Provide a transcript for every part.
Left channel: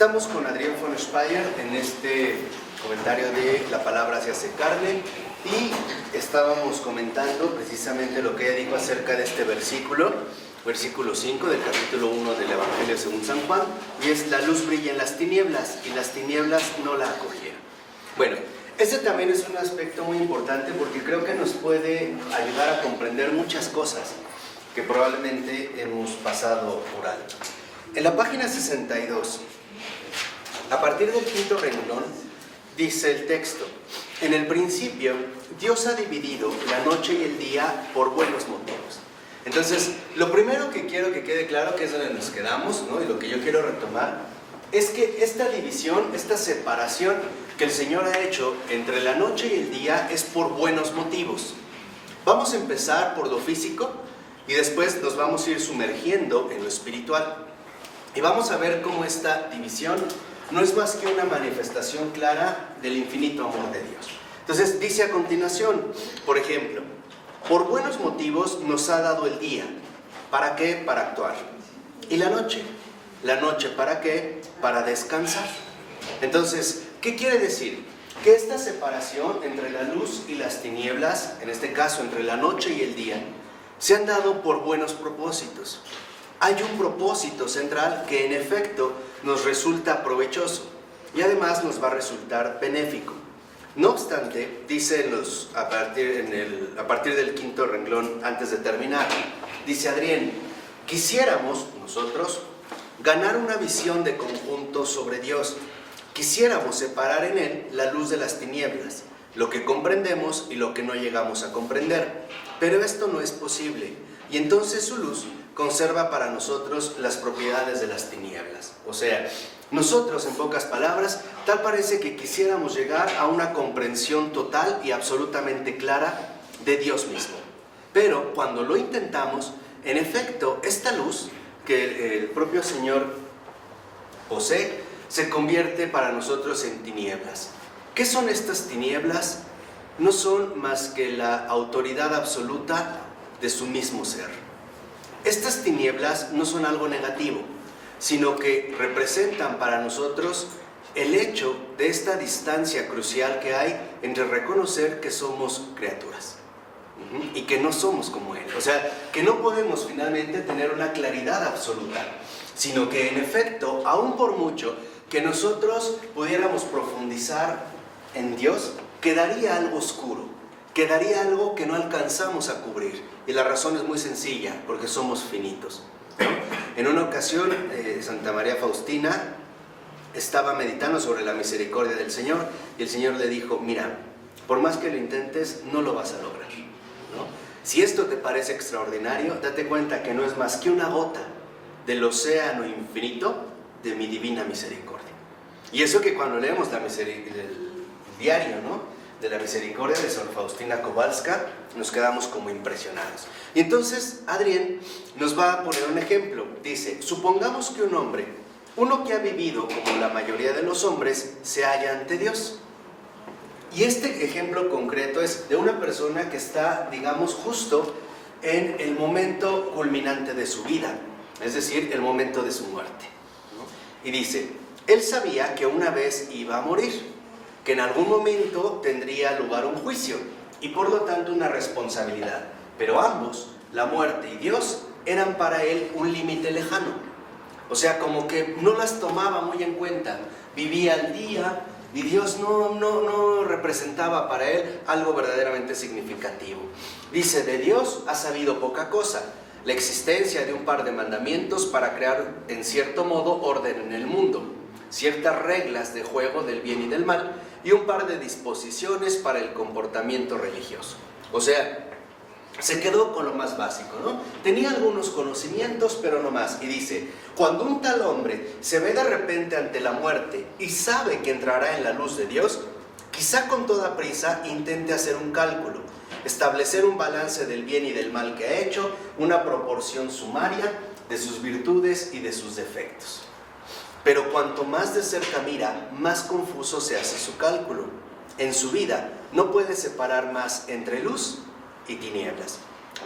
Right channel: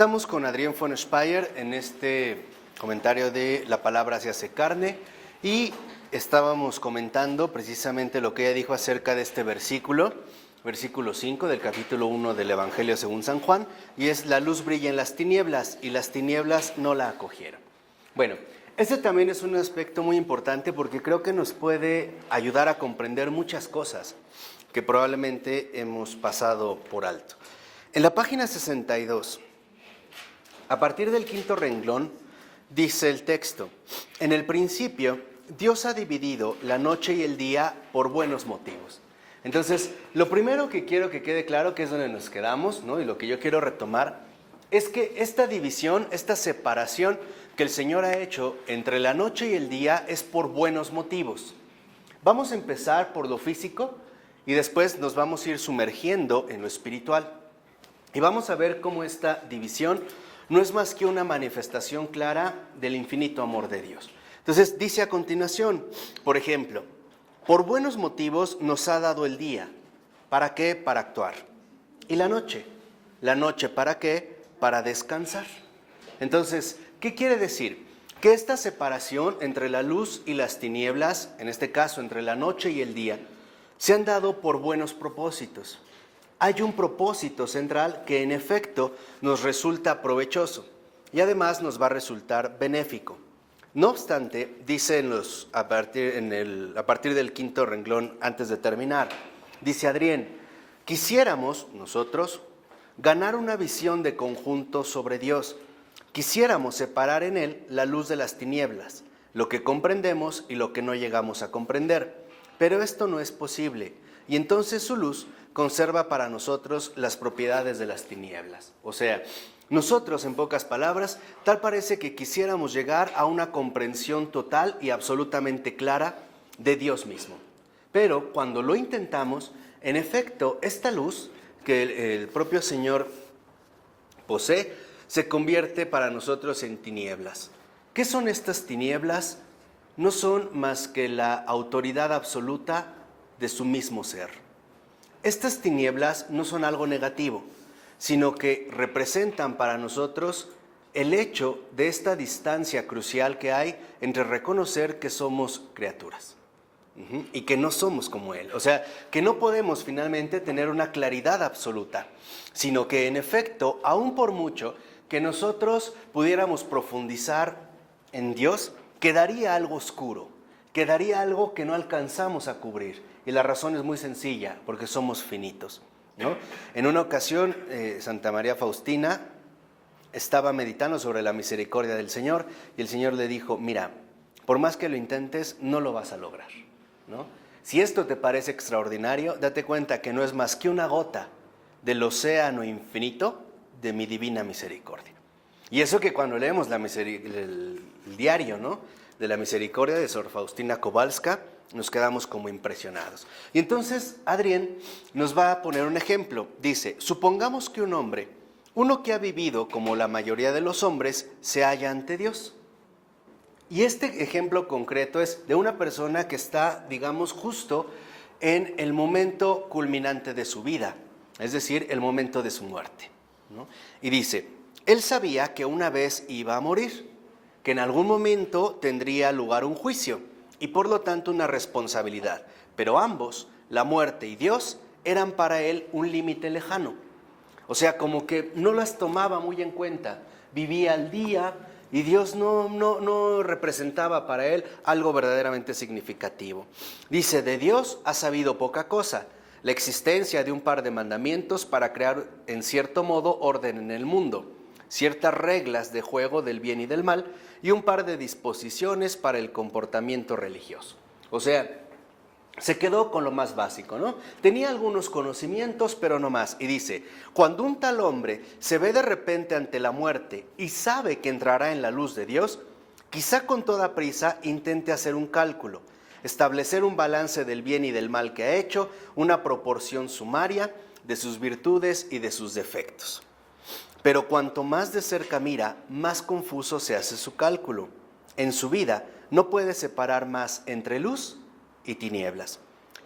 Estamos con Adrián von Speyer en este comentario de La palabra se hace carne y estábamos comentando precisamente lo que ella dijo acerca de este versículo 5 del capítulo 1 del Evangelio según San Juan, y es: la luz brilla en las tinieblas y las tinieblas no la acogieron. Bueno, este también es un aspecto muy importante porque creo que nos puede ayudar a comprender muchas cosas que probablemente hemos pasado por alto. En la página 62, a partir del quinto renglón, dice el texto: en el principio, Dios ha dividido la noche y el día por buenos motivos. Entonces, lo primero que quiero que quede claro, que es donde nos quedamos, ¿no? Y lo que yo quiero retomar, es que esta división, esta separación que el Señor ha hecho entre la noche y el día es por buenos motivos. Vamos a empezar por lo físico y después nos vamos a ir sumergiendo en lo espiritual. Y vamos a ver cómo esta división no es más que una manifestación clara del infinito amor de Dios. Entonces dice a continuación, por ejemplo: por buenos motivos nos ha dado el día. ¿Para qué? Para actuar. ¿Y la noche? ¿La noche para qué? Para descansar. Entonces, ¿qué quiere decir? Que esta separación entre la luz y las tinieblas, en este caso entre la noche y el día, se han dado por buenos propósitos. Hay un propósito central que en efecto nos resulta provechoso y además nos va a resultar benéfico. No obstante, dice a partir del quinto renglón, antes de terminar, dice Adrián: quisiéramos nosotros ganar una visión de conjunto sobre Dios. Quisiéramos separar en Él la luz de las tinieblas, lo que comprendemos y lo que no llegamos a comprender. Pero esto no es posible, y entonces su luz conserva para nosotros las propiedades de las tinieblas. O sea, nosotros, en pocas palabras, tal parece que quisiéramos llegar a una comprensión total y absolutamente clara de Dios mismo. Pero cuando lo intentamos, en efecto, esta luz que el propio Señor posee, se convierte para nosotros en tinieblas. ¿Qué son estas tinieblas? No son más que la autoridad absoluta de su mismo ser. Estas tinieblas no son algo negativo, sino que representan para nosotros el hecho de esta distancia crucial que hay entre reconocer que somos criaturas y que no somos como Él. O sea, que no podemos finalmente tener una claridad absoluta, sino que en efecto, aún por mucho que nosotros pudiéramos profundizar en Dios, quedaría algo oscuro, quedaría algo que no alcanzamos a cubrir. Y la razón es muy sencilla, porque somos finitos, ¿no? En una ocasión, Santa María Faustina estaba meditando sobre la misericordia del Señor y el Señor le dijo: mira, por más que lo intentes, no lo vas a lograr, ¿no? Si esto te parece extraordinario, date cuenta que no es más que una gota del océano infinito de mi divina misericordia. Y eso que cuando leemos el diario, ¿no?, de la misericordia de Sor Faustina Kowalska, nos quedamos como impresionados. Y entonces Adrián nos va a poner un ejemplo. Dice: supongamos que un hombre, uno que ha vivido como la mayoría de los hombres, se halla ante Dios. Y este ejemplo concreto es de una persona que está, digamos, justo en el momento culminante de su vida, es decir, el momento de su muerte, ¿no? Y dice: él sabía que una vez iba a morir, que en algún momento tendría lugar un juicio y por lo tanto una responsabilidad, pero ambos, la muerte y Dios, eran para él un límite lejano. O sea, como que no las tomaba muy en cuenta, vivía el día y Dios no representaba para él algo verdaderamente significativo. Dice: de Dios ha sabido poca cosa, la existencia de un par de mandamientos para crear en cierto modo orden en el mundo, ciertas reglas de juego del bien y del mal y un par de disposiciones para el comportamiento religioso. O sea, se quedó con lo más básico, ¿no? Tenía algunos conocimientos, pero no más. Y dice: cuando un tal hombre se ve de repente ante la muerte y sabe que entrará en la luz de Dios, quizá con toda prisa intente hacer un cálculo, establecer un balance del bien y del mal que ha hecho, una proporción sumaria de sus virtudes y de sus defectos. Pero cuanto más de cerca mira, más confuso se hace su cálculo. En su vida no puede separar más entre luz y tinieblas.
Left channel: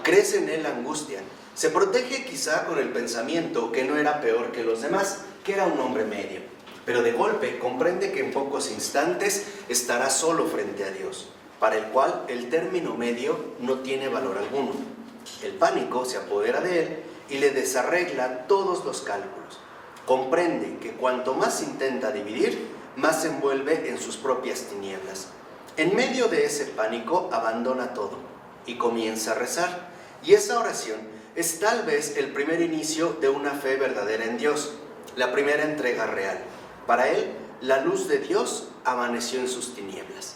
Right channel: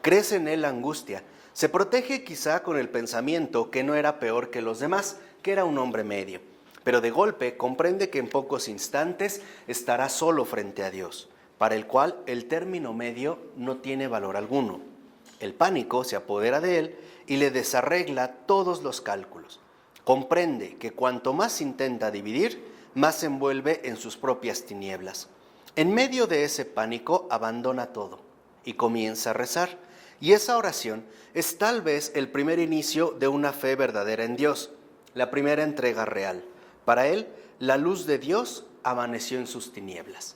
Crece en él la angustia. Se protege quizá con el pensamiento que no era peor que los demás, que era un hombre medio. pero de golpe comprende que en pocos instantes estará solo frente a Dios, para el cual el término medio no tiene valor alguno. El pánico se apodera de él y le desarregla todos los cálculos. Comprende que cuanto más intenta dividir, más se envuelve en sus propias tinieblas. En medio de ese pánico abandona todo y comienza a rezar. Y esa oración es tal vez el primer inicio de una fe verdadera en Dios, la primera entrega real. Para él, la luz de Dios amaneció en sus tinieblas.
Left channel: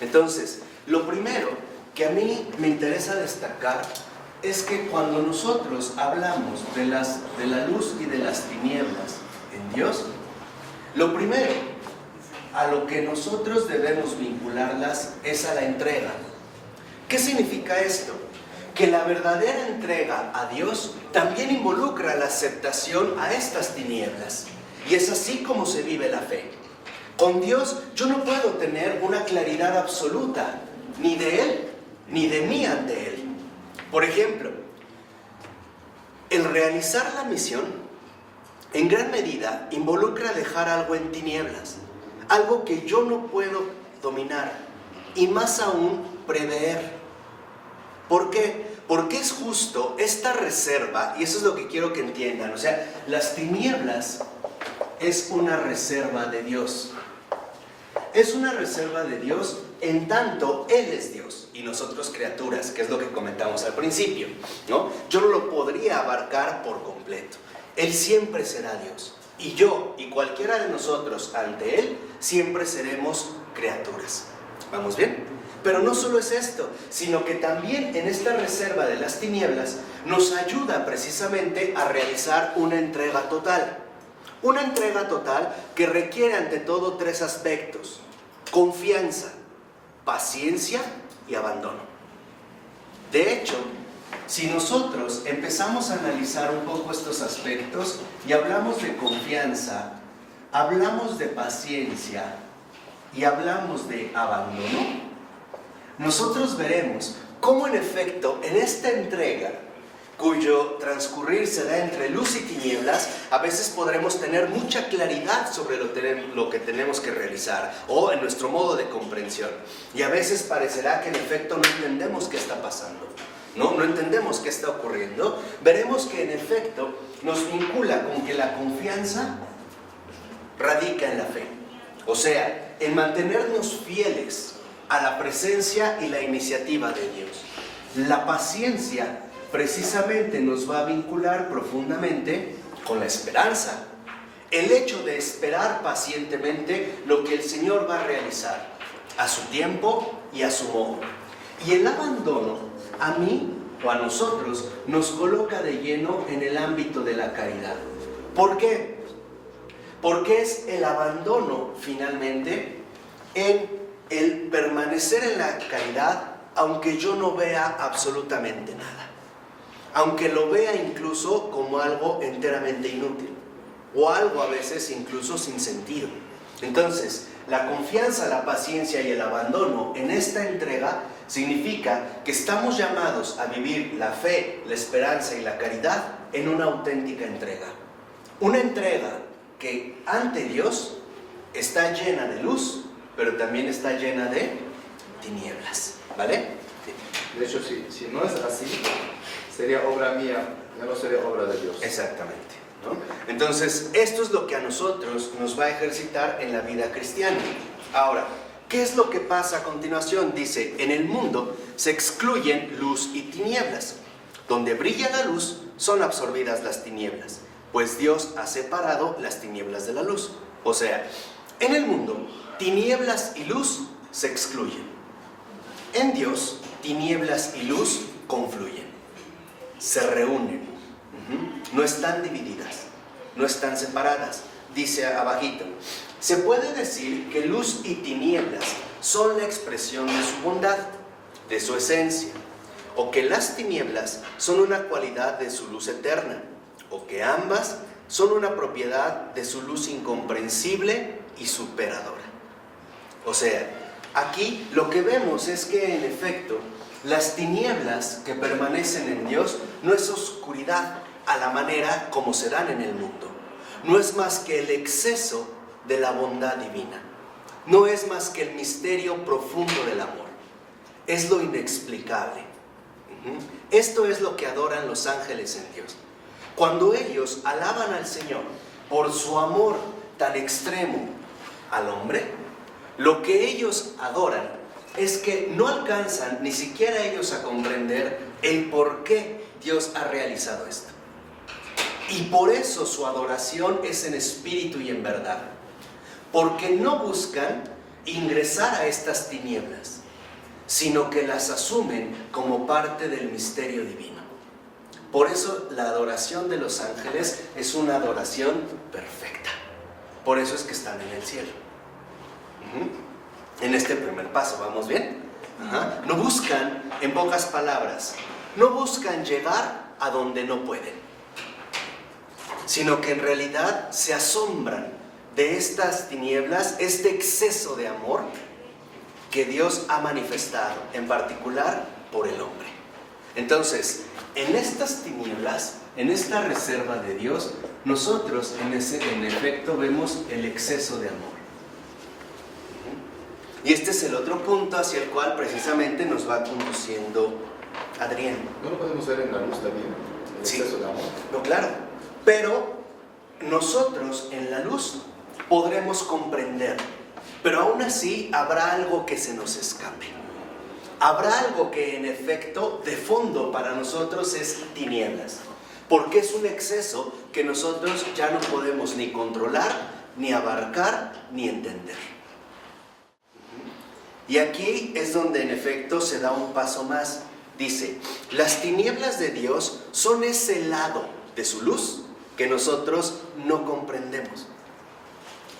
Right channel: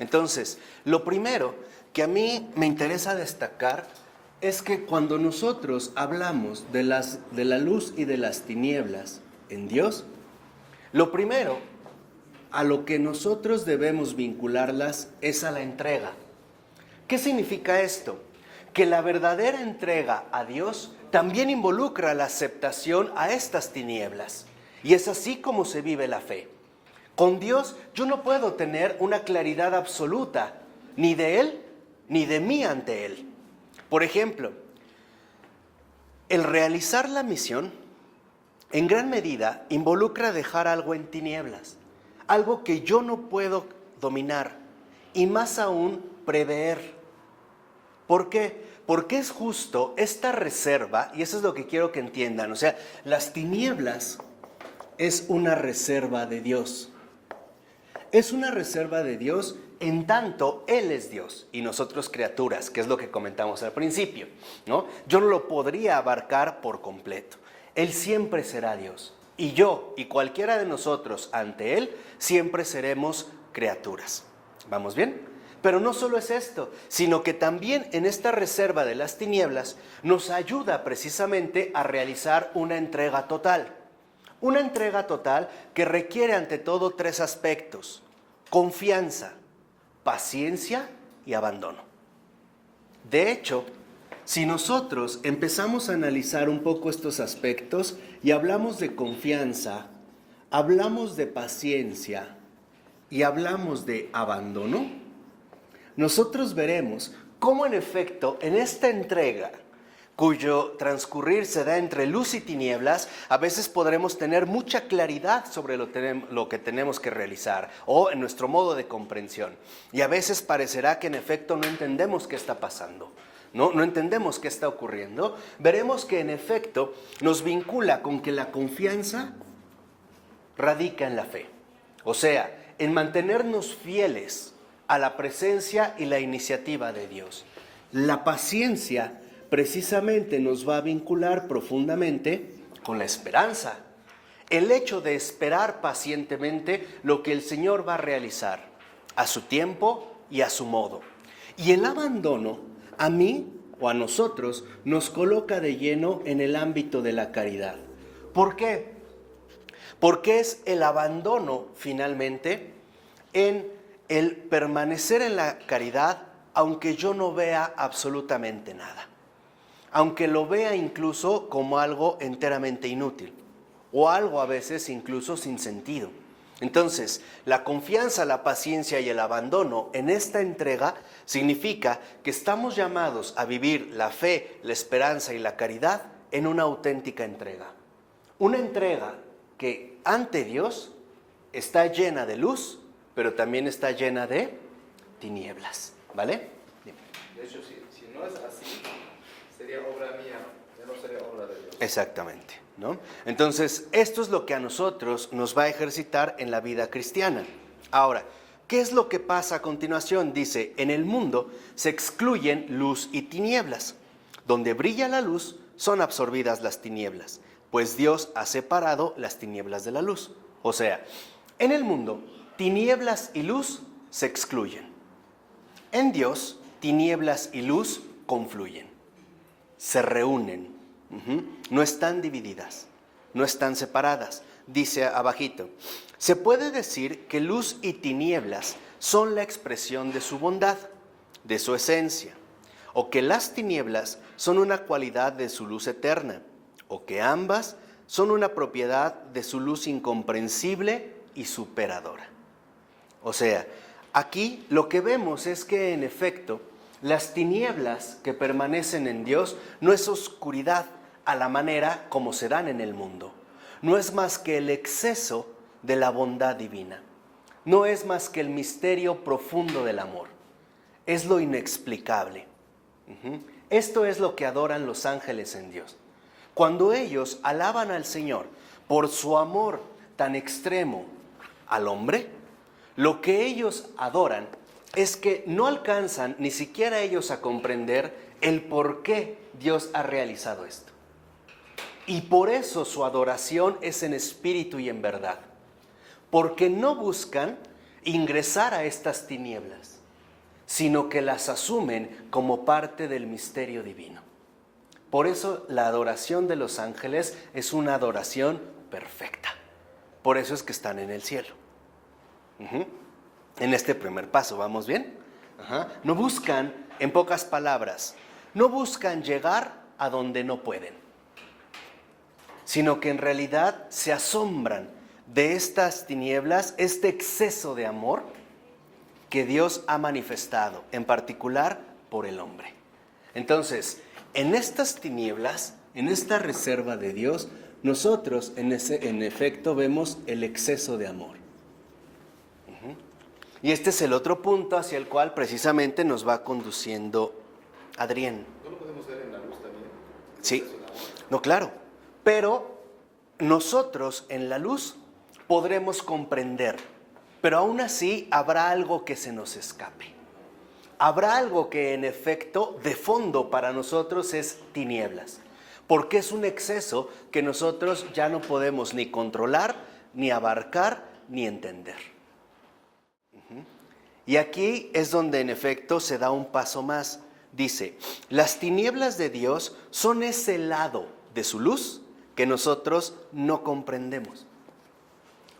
Entonces, lo primero que a mí me interesa destacar es que cuando nosotros hablamos de la luz y de las tinieblas en Dios, lo primero a lo que nosotros debemos vincularlas es a la entrega. ¿Qué significa esto? Que la verdadera entrega a Dios también involucra la aceptación a estas tinieblas. Y es así como se vive la fe. Con Dios yo no puedo tener una claridad absoluta, ni de Él, ni de mí ante Él. Por ejemplo, el realizar la misión, en gran medida, involucra dejar algo en tinieblas, algo que yo no puedo dominar, y más aún prever. ¿Por qué? Porque es justo esta reserva, y eso es lo que quiero que entiendan, o sea, las tinieblas es una reserva de Dios. Es una reserva de Dios en tanto Él es Dios y nosotros criaturas, que es lo que comentamos al principio, ¿no? Yo no lo podría abarcar por completo. Él siempre será Dios y yo y cualquiera de nosotros ante Él siempre seremos criaturas. ¿Vamos bien? Pero no solo es esto, sino que también en esta reserva de las tinieblas nos ayuda precisamente a realizar una entrega total. Una entrega total que requiere ante todo tres aspectos: confianza, paciencia y abandono. De hecho, si nosotros empezamos a analizar un poco estos aspectos y hablamos de confianza, hablamos de paciencia y hablamos de abandono, nosotros veremos cómo en efecto en esta entrega, cuyo transcurrir se da entre luz y tinieblas, a veces podremos tener mucha claridad sobre lo que tenemos que realizar o en nuestro modo de comprensión. Y a veces parecerá que en efecto no entendemos qué está pasando, no entendemos qué está ocurriendo. Veremos que en efecto nos vincula con que la confianza radica en la fe. O sea, en mantenernos fieles a la presencia y la iniciativa de Dios. La paciencia precisamente nos va a vincular profundamente con la esperanza. El hecho de esperar pacientemente lo que el Señor va a realizar a su tiempo y a su modo. Y el abandono a mí o a nosotros nos coloca de lleno en el ámbito de la caridad. ¿Por qué? Porque es el abandono finalmente en el permanecer en la caridad aunque yo no vea absolutamente nada. Aunque lo vea incluso como algo enteramente inútil, o algo a veces incluso sin sentido. Entonces, la confianza, la paciencia y el abandono en esta entrega significa que estamos llamados a vivir la fe, la esperanza y la caridad en una auténtica entrega. Una entrega que ante Dios está llena de luz, pero también está llena de tinieblas, ¿vale? De hecho, si no es así, sería obra mía, ya no sería obra de Dios. Exactamente, ¿no? Entonces, esto es lo que a nosotros nos va a ejercitar en la vida cristiana. Ahora, ¿qué es lo que pasa a continuación? Dice, en el mundo se excluyen luz y tinieblas. Donde brilla la luz, son absorbidas las tinieblas, pues Dios ha separado las tinieblas de la luz. O sea, en el mundo, tinieblas y luz se excluyen. En Dios, tinieblas y luz confluyen, se reúnen, no están divididas, no están separadas. Dice abajito, se puede decir que luz y tinieblas son la expresión de su bondad, de su esencia, o que las tinieblas son una cualidad de su luz eterna, o que ambas son una propiedad de su luz incomprensible y superadora. O sea, aquí lo que vemos es que en efecto las tinieblas que permanecen en Dios no es oscuridad a la manera como se dan en el mundo. No es más que el exceso de la bondad divina. No es más que el misterio profundo del amor. Es lo inexplicable. Esto es lo que adoran los ángeles en Dios. Cuando ellos alaban al Señor por su amor tan extremo al hombre, lo que ellos adoran es que no alcanzan ni siquiera ellos a comprender el por qué Dios ha realizado esto. Y por eso su adoración es en espíritu y en verdad. Porque no buscan ingresar a estas tinieblas, sino que las asumen como parte del misterio divino. Por eso la adoración de los ángeles es una adoración perfecta. Por eso es que están en el cielo. En este primer paso, ¿vamos bien? No buscan, en pocas palabras, no buscan llegar a donde no pueden, sino que en realidad se asombran de estas tinieblas, este exceso de amor que Dios ha manifestado, en particular por el hombre. Entonces, en estas tinieblas, en esta reserva de Dios, nosotros en efecto vemos el exceso de amor. Y este es el otro punto hacia el cual precisamente nos va conduciendo Adrián. ¿No lo podemos ver en la luz también? El Sí. exceso de amor. No, claro. Pero nosotros en la luz podremos comprender. Pero aún así habrá algo que se nos escape. Habrá algo que en efecto de fondo para nosotros es tinieblas. Porque es un exceso que nosotros ya no podemos ni controlar, ni abarcar, ni entender. Y aquí es donde en efecto se da un paso más. Dice, las tinieblas de Dios son ese lado de su luz que nosotros no comprendemos.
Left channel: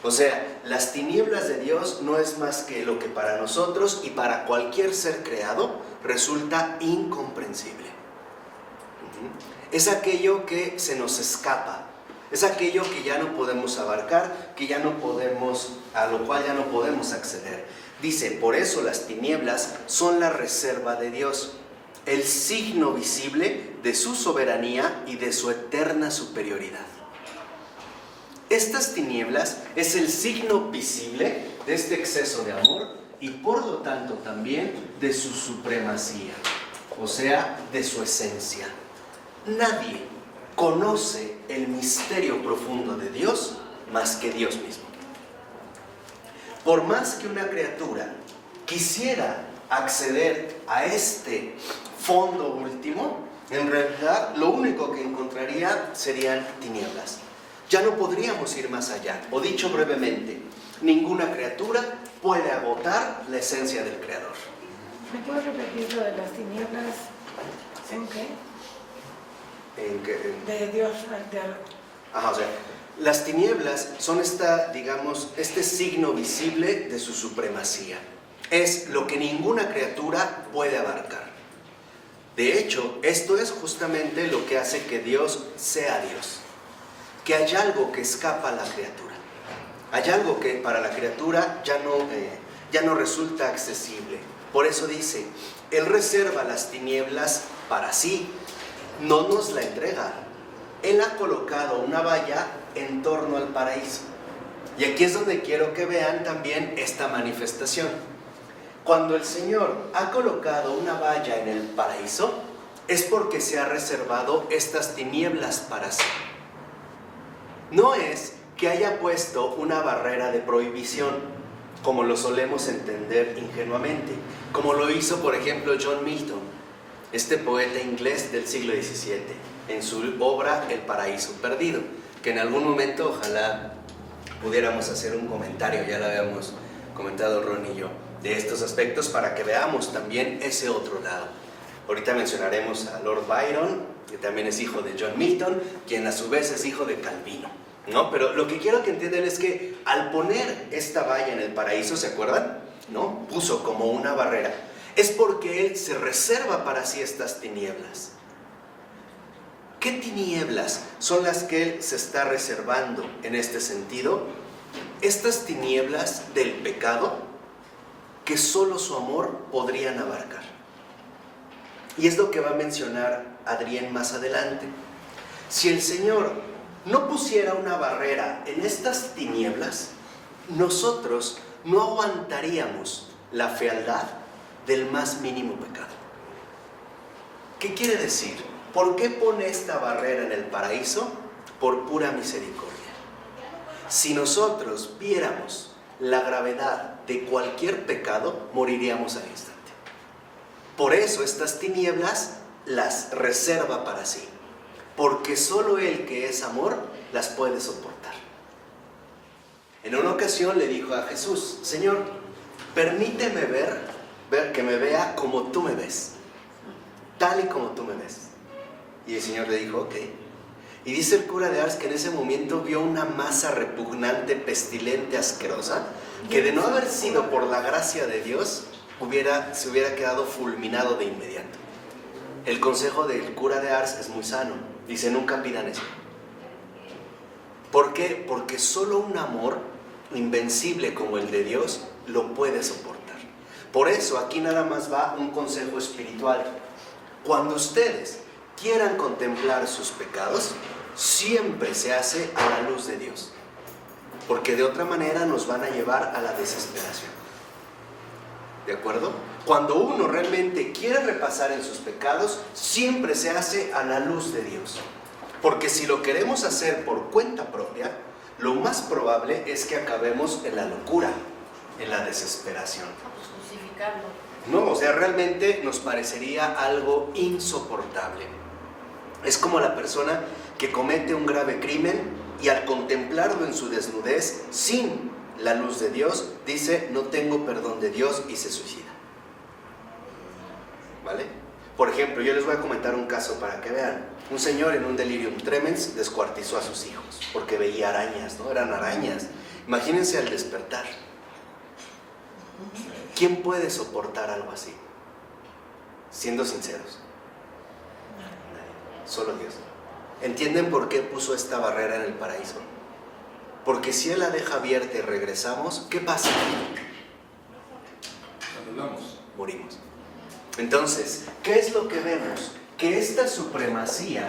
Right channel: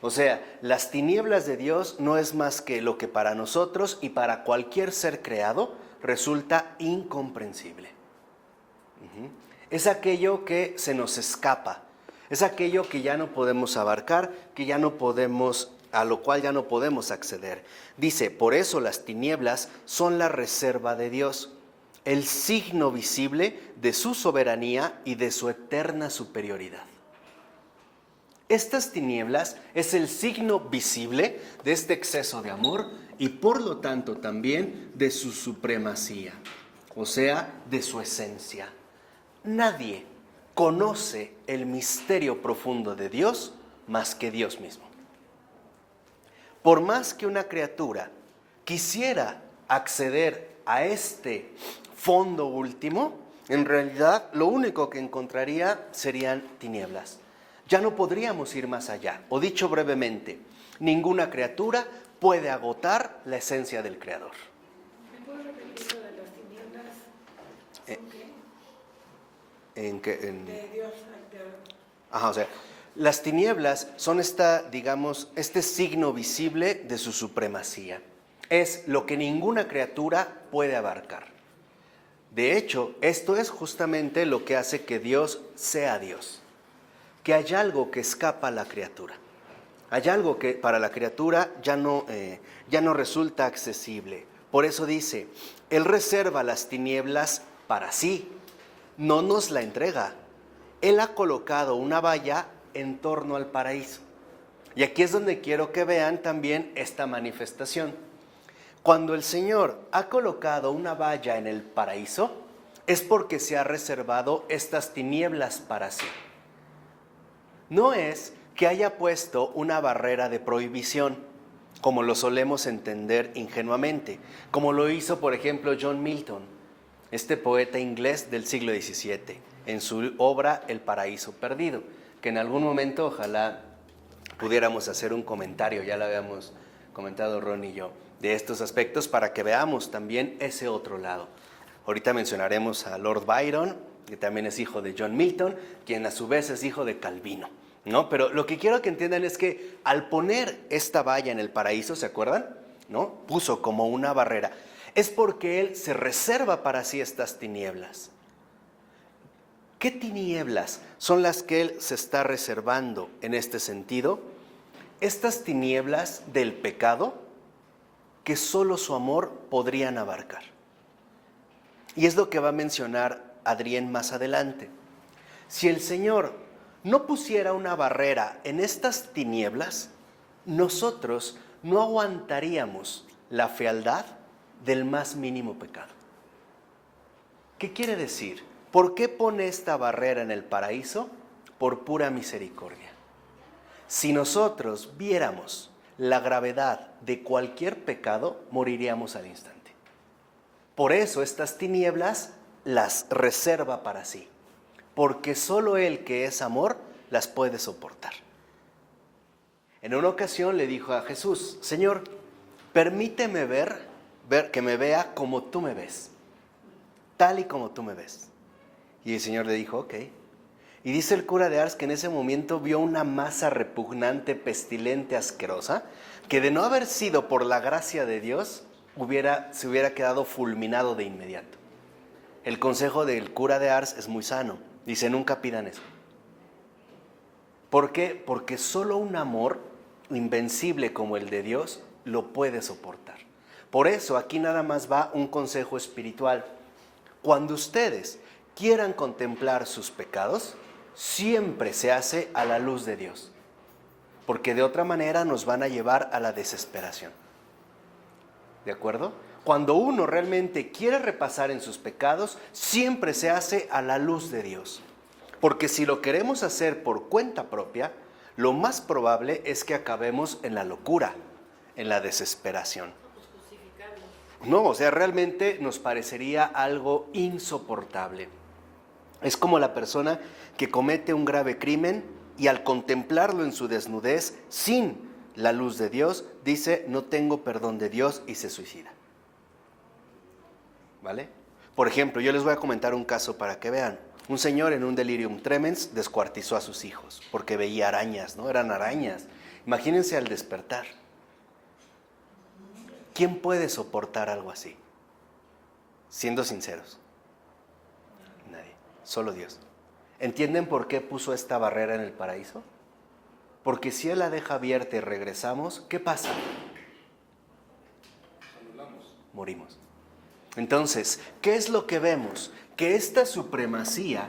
O sea, las tinieblas de Dios no es más que lo que para nosotros y para cualquier ser creado resulta incomprensible. Es aquello que se nos escapa, es aquello que ya no podemos abarcar, que ya no podemos, a lo cual ya no podemos acceder. Dice, por eso las tinieblas son la reserva de Dios, el signo visible de su soberanía y de su eterna superioridad. Estas tinieblas es el signo visible de este exceso de amor y por lo tanto también de su supremacía, o sea, de su esencia. Nadie conoce el misterio profundo de Dios más que Dios mismo. Por más que una criatura quisiera acceder a este fondo último, en realidad lo único que encontraría serían tinieblas. Ya no podríamos ir más allá. O dicho brevemente, ninguna criatura puede agotar la esencia del Creador. ¿Me puedes repetir lo de las tinieblas? ¿En qué? De Dios frente a algo. O sea, las tinieblas son este signo visible de su supremacía. Es lo que ninguna criatura puede abarcar. De hecho, esto es justamente lo que hace que Dios sea Dios. Que hay algo que escapa a la criatura. Hay algo que para la criatura ya no resulta accesible. Por eso dice, Él reserva las tinieblas para sí, no nos la entrega. Él ha colocado una valla en torno al paraíso. Y aquí es donde quiero que vean también esta manifestación. Cuando el Señor ha colocado una valla en el paraíso, es porque se ha reservado estas tinieblas para sí. No es que haya puesto una barrera de prohibición, como lo solemos entender ingenuamente, como lo hizo, por ejemplo, John Milton, este poeta inglés del siglo XVII, en su obra El paraíso perdido, que en algún momento ojalá pudiéramos hacer un comentario, ya lo habíamos comentado Ron y yo, de estos aspectos para que veamos también ese otro lado. Ahorita mencionaremos a Lord Byron, que también es hijo de John Milton, quien a su vez es hijo de Calvino, ¿no? Pero lo que quiero que entiendan es que al poner esta valla en el paraíso, ¿se acuerdan? ¿No? Puso como una barrera. Es porque Él se reserva para sí estas tinieblas. ¿Qué tinieblas son las que Él se está reservando en este sentido? Estas tinieblas del pecado que solo su amor podrían abarcar. Y es lo que va a mencionar Adrián más adelante. Si el Señor no pusiera una barrera en estas tinieblas, nosotros no aguantaríamos la fealdad del más mínimo pecado. ¿Qué quiere decir? ¿Por qué pone esta barrera en el paraíso? Por pura misericordia. Si nosotros viéramos la gravedad de cualquier pecado, moriríamos al instante. Por eso estas tinieblas las reserva para sí, porque solo Él, que es amor, las puede soportar. En una ocasión le dijo a Jesús: Señor, permíteme ver que me vea como tú me ves, tal y como tú me ves. Y el Señor le dijo: ok. Y dice el cura de Ars que en ese momento vio una masa repugnante, pestilente, asquerosa, que de no haber sido por la gracia de Dios, se hubiera quedado fulminado de inmediato. El consejo del cura de Ars es muy sano. Dice: nunca pidan eso. ¿Por qué? Porque solo un amor invencible como el de Dios lo puede soportar. Por eso aquí nada más va un consejo espiritual. Cuando ustedes quieran contemplar sus pecados, siempre se hace a la luz de Dios, porque de otra manera nos van a llevar a la desesperación. ¿De acuerdo? Cuando uno realmente quiere repasar en sus pecados, siempre se hace a la luz de Dios. Porque si lo queremos hacer por cuenta propia, lo más probable es que acabemos en la locura, en la desesperación. No, o sea, realmente nos parecería algo insoportable. Es como la persona que comete un grave crimen y al contemplarlo en su desnudez, sin la luz de Dios, dice: no tengo perdón de Dios, y se suicida. ¿Vale? Por ejemplo, yo les voy a comentar un caso para que vean. Un señor en un delirium tremens descuartizó a sus hijos porque veía arañas, ¿no? Eran arañas. Imagínense al despertar. ¿Quién puede soportar algo así? Siendo sinceros. Nadie. Solo Dios. ¿Entienden por qué puso esta barrera en el paraíso? Porque si Él la deja abierta y regresamos, ¿qué pasa? Morimos. Entonces, ¿qué es lo que vemos? Que esta supremacía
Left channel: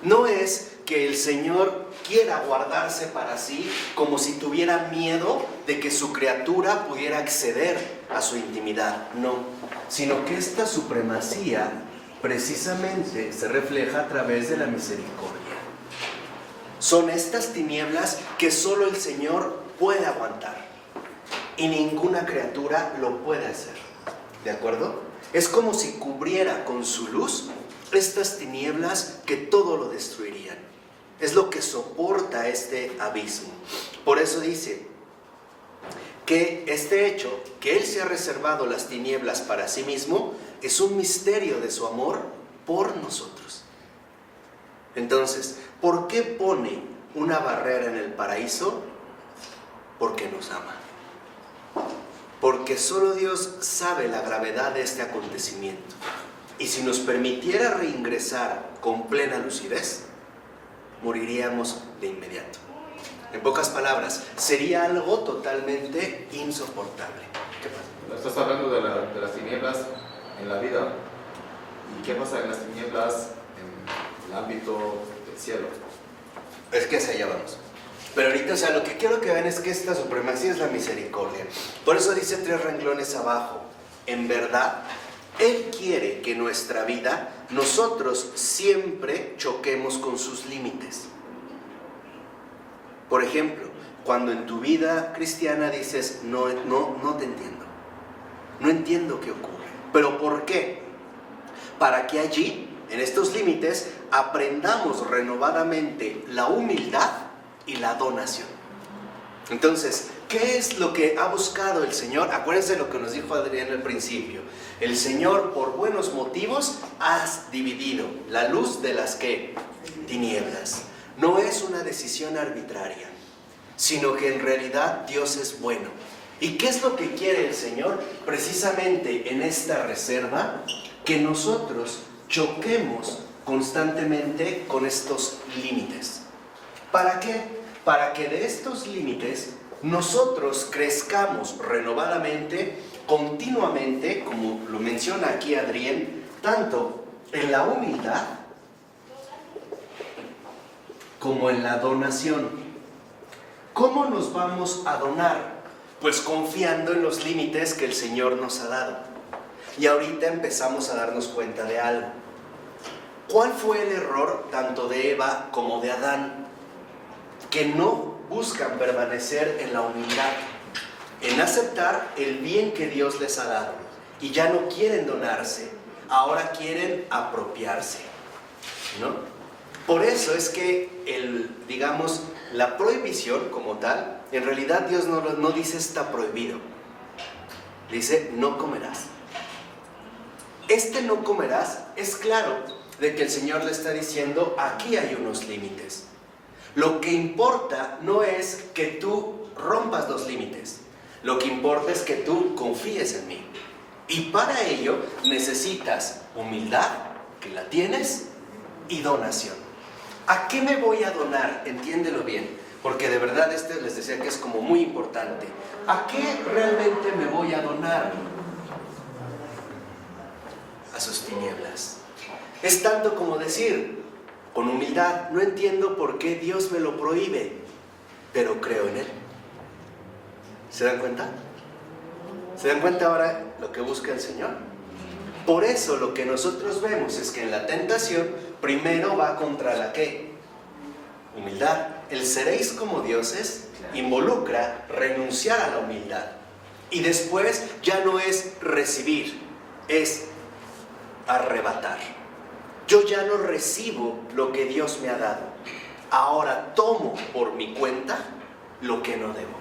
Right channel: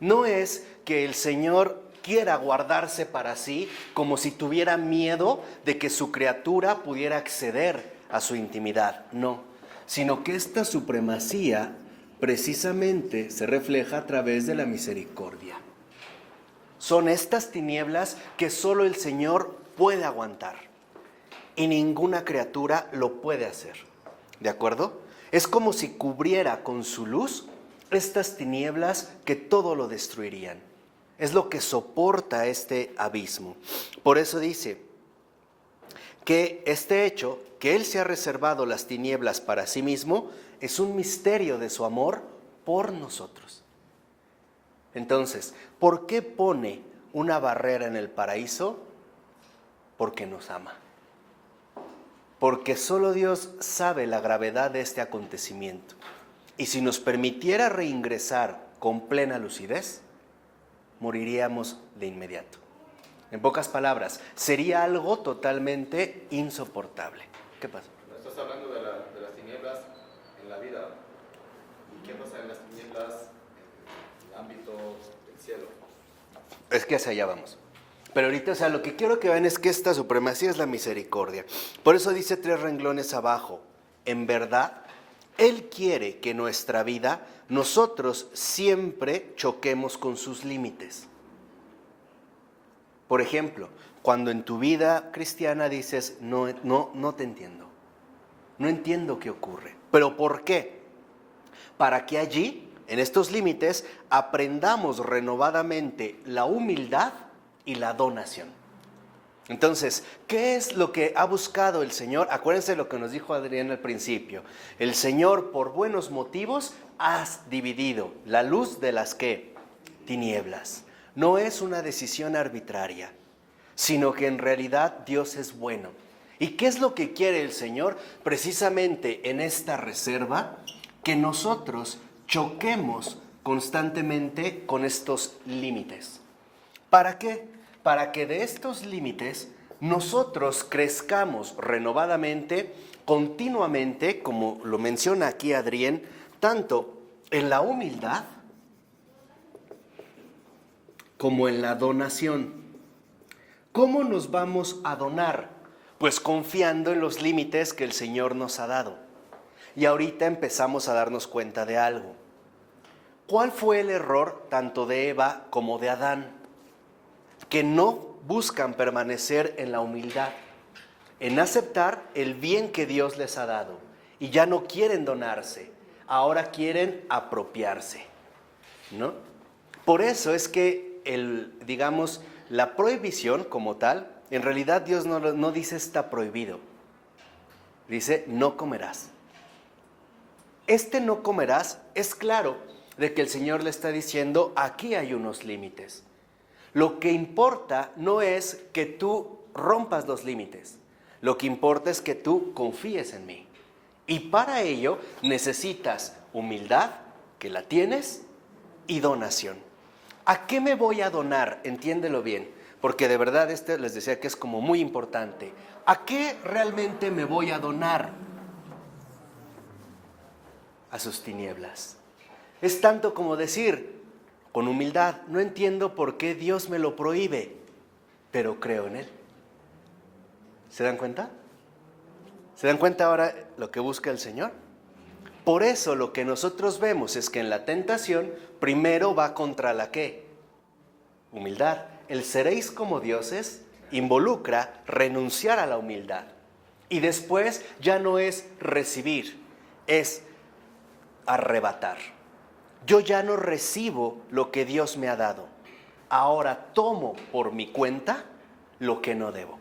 no es que el Señor quiera guardarse para sí como si tuviera miedo de que su criatura pudiera acceder a su intimidad, no, sino que esta supremacía precisamente se refleja a través de la misericordia. Son estas tinieblas que solo el Señor puede aguantar y ninguna criatura lo puede hacer, ¿de acuerdo? Es como si cubriera con su luz estas tinieblas que todo lo destruirían. Es lo que soporta este abismo. Por eso dice que este hecho, que Él se ha reservado las tinieblas para sí mismo, es un misterio de su amor por nosotros. Entonces, ¿por qué pone una barrera en el paraíso? Porque nos ama. Porque solo Dios sabe la gravedad de este acontecimiento. Y si nos permitiera reingresar con plena lucidez, moriríamos de inmediato. En pocas palabras, sería algo totalmente insoportable. ¿Qué pasa? Estás hablando de las tinieblas en la vida. ¿Y qué pasa en las tinieblas en el ámbito del cielo? Es que hacia allá vamos. Pero ahorita, o sea, lo que quiero que vean es que esta supremacía es la misericordia. Por eso dice 3 renglones abajo: en verdad, Él quiere que en nuestra vida nosotros siempre choquemos con sus límites. Por ejemplo, cuando en tu vida cristiana dices: no te entiendo. No entiendo qué ocurre. ¿Pero por qué? Para que allí, en estos límites, aprendamos renovadamente la humildad y la donación. Entonces, ¿qué es lo que ha buscado el Señor? Acuérdense lo que nos dijo Adrián al principio. El Señor, por buenos motivos, has dividido la luz de las ¿qué? Tinieblas. No es una decisión arbitraria, sino que en realidad Dios es bueno. ¿Y qué es lo que quiere el Señor? Precisamente en esta reserva, que nosotros choquemos constantemente con estos límites. ¿Para qué? Para que de estos límites nosotros crezcamos renovadamente, continuamente, como lo menciona aquí Adrián, tanto en la humildad como en la donación. ¿Cómo nos vamos a donar? Pues confiando en los límites que el Señor nos ha dado. Y ahorita empezamos a darnos cuenta de algo. ¿Cuál fue el error tanto de Eva como de Adán? Que no buscan permanecer en la humildad, en aceptar el bien que Dios les ha dado. Y ya no quieren donarse, ahora quieren apropiarse, ¿no? Por eso es que la prohibición como tal, en realidad Dios no dice está prohibido, dice no comerás. Este no comerás es claro de que el Señor le está diciendo aquí hay unos límites. Lo que importa no es que tú rompas los límites, lo que importa es que tú confíes en mí. Y para ello necesitas humildad, que la tienes, y donación. ¿A qué me voy a donar? Entiéndelo bien, porque de verdad les decía que es como muy importante. ¿A qué realmente me voy a donar? A sus tinieblas. Es tanto como decir, con humildad, no entiendo por qué Dios me lo prohíbe, pero creo en Él. ¿Se dan cuenta? ¿Se dan cuenta ahora lo que busca el Señor? Por eso lo que nosotros vemos es que en la tentación primero va contra la ¿qué? Humildad. El seréis como dioses involucra renunciar a la humildad. Y después ya no es recibir, es arrebatar. Yo ya no recibo lo que Dios me ha dado. Ahora tomo por mi cuenta lo que no debo.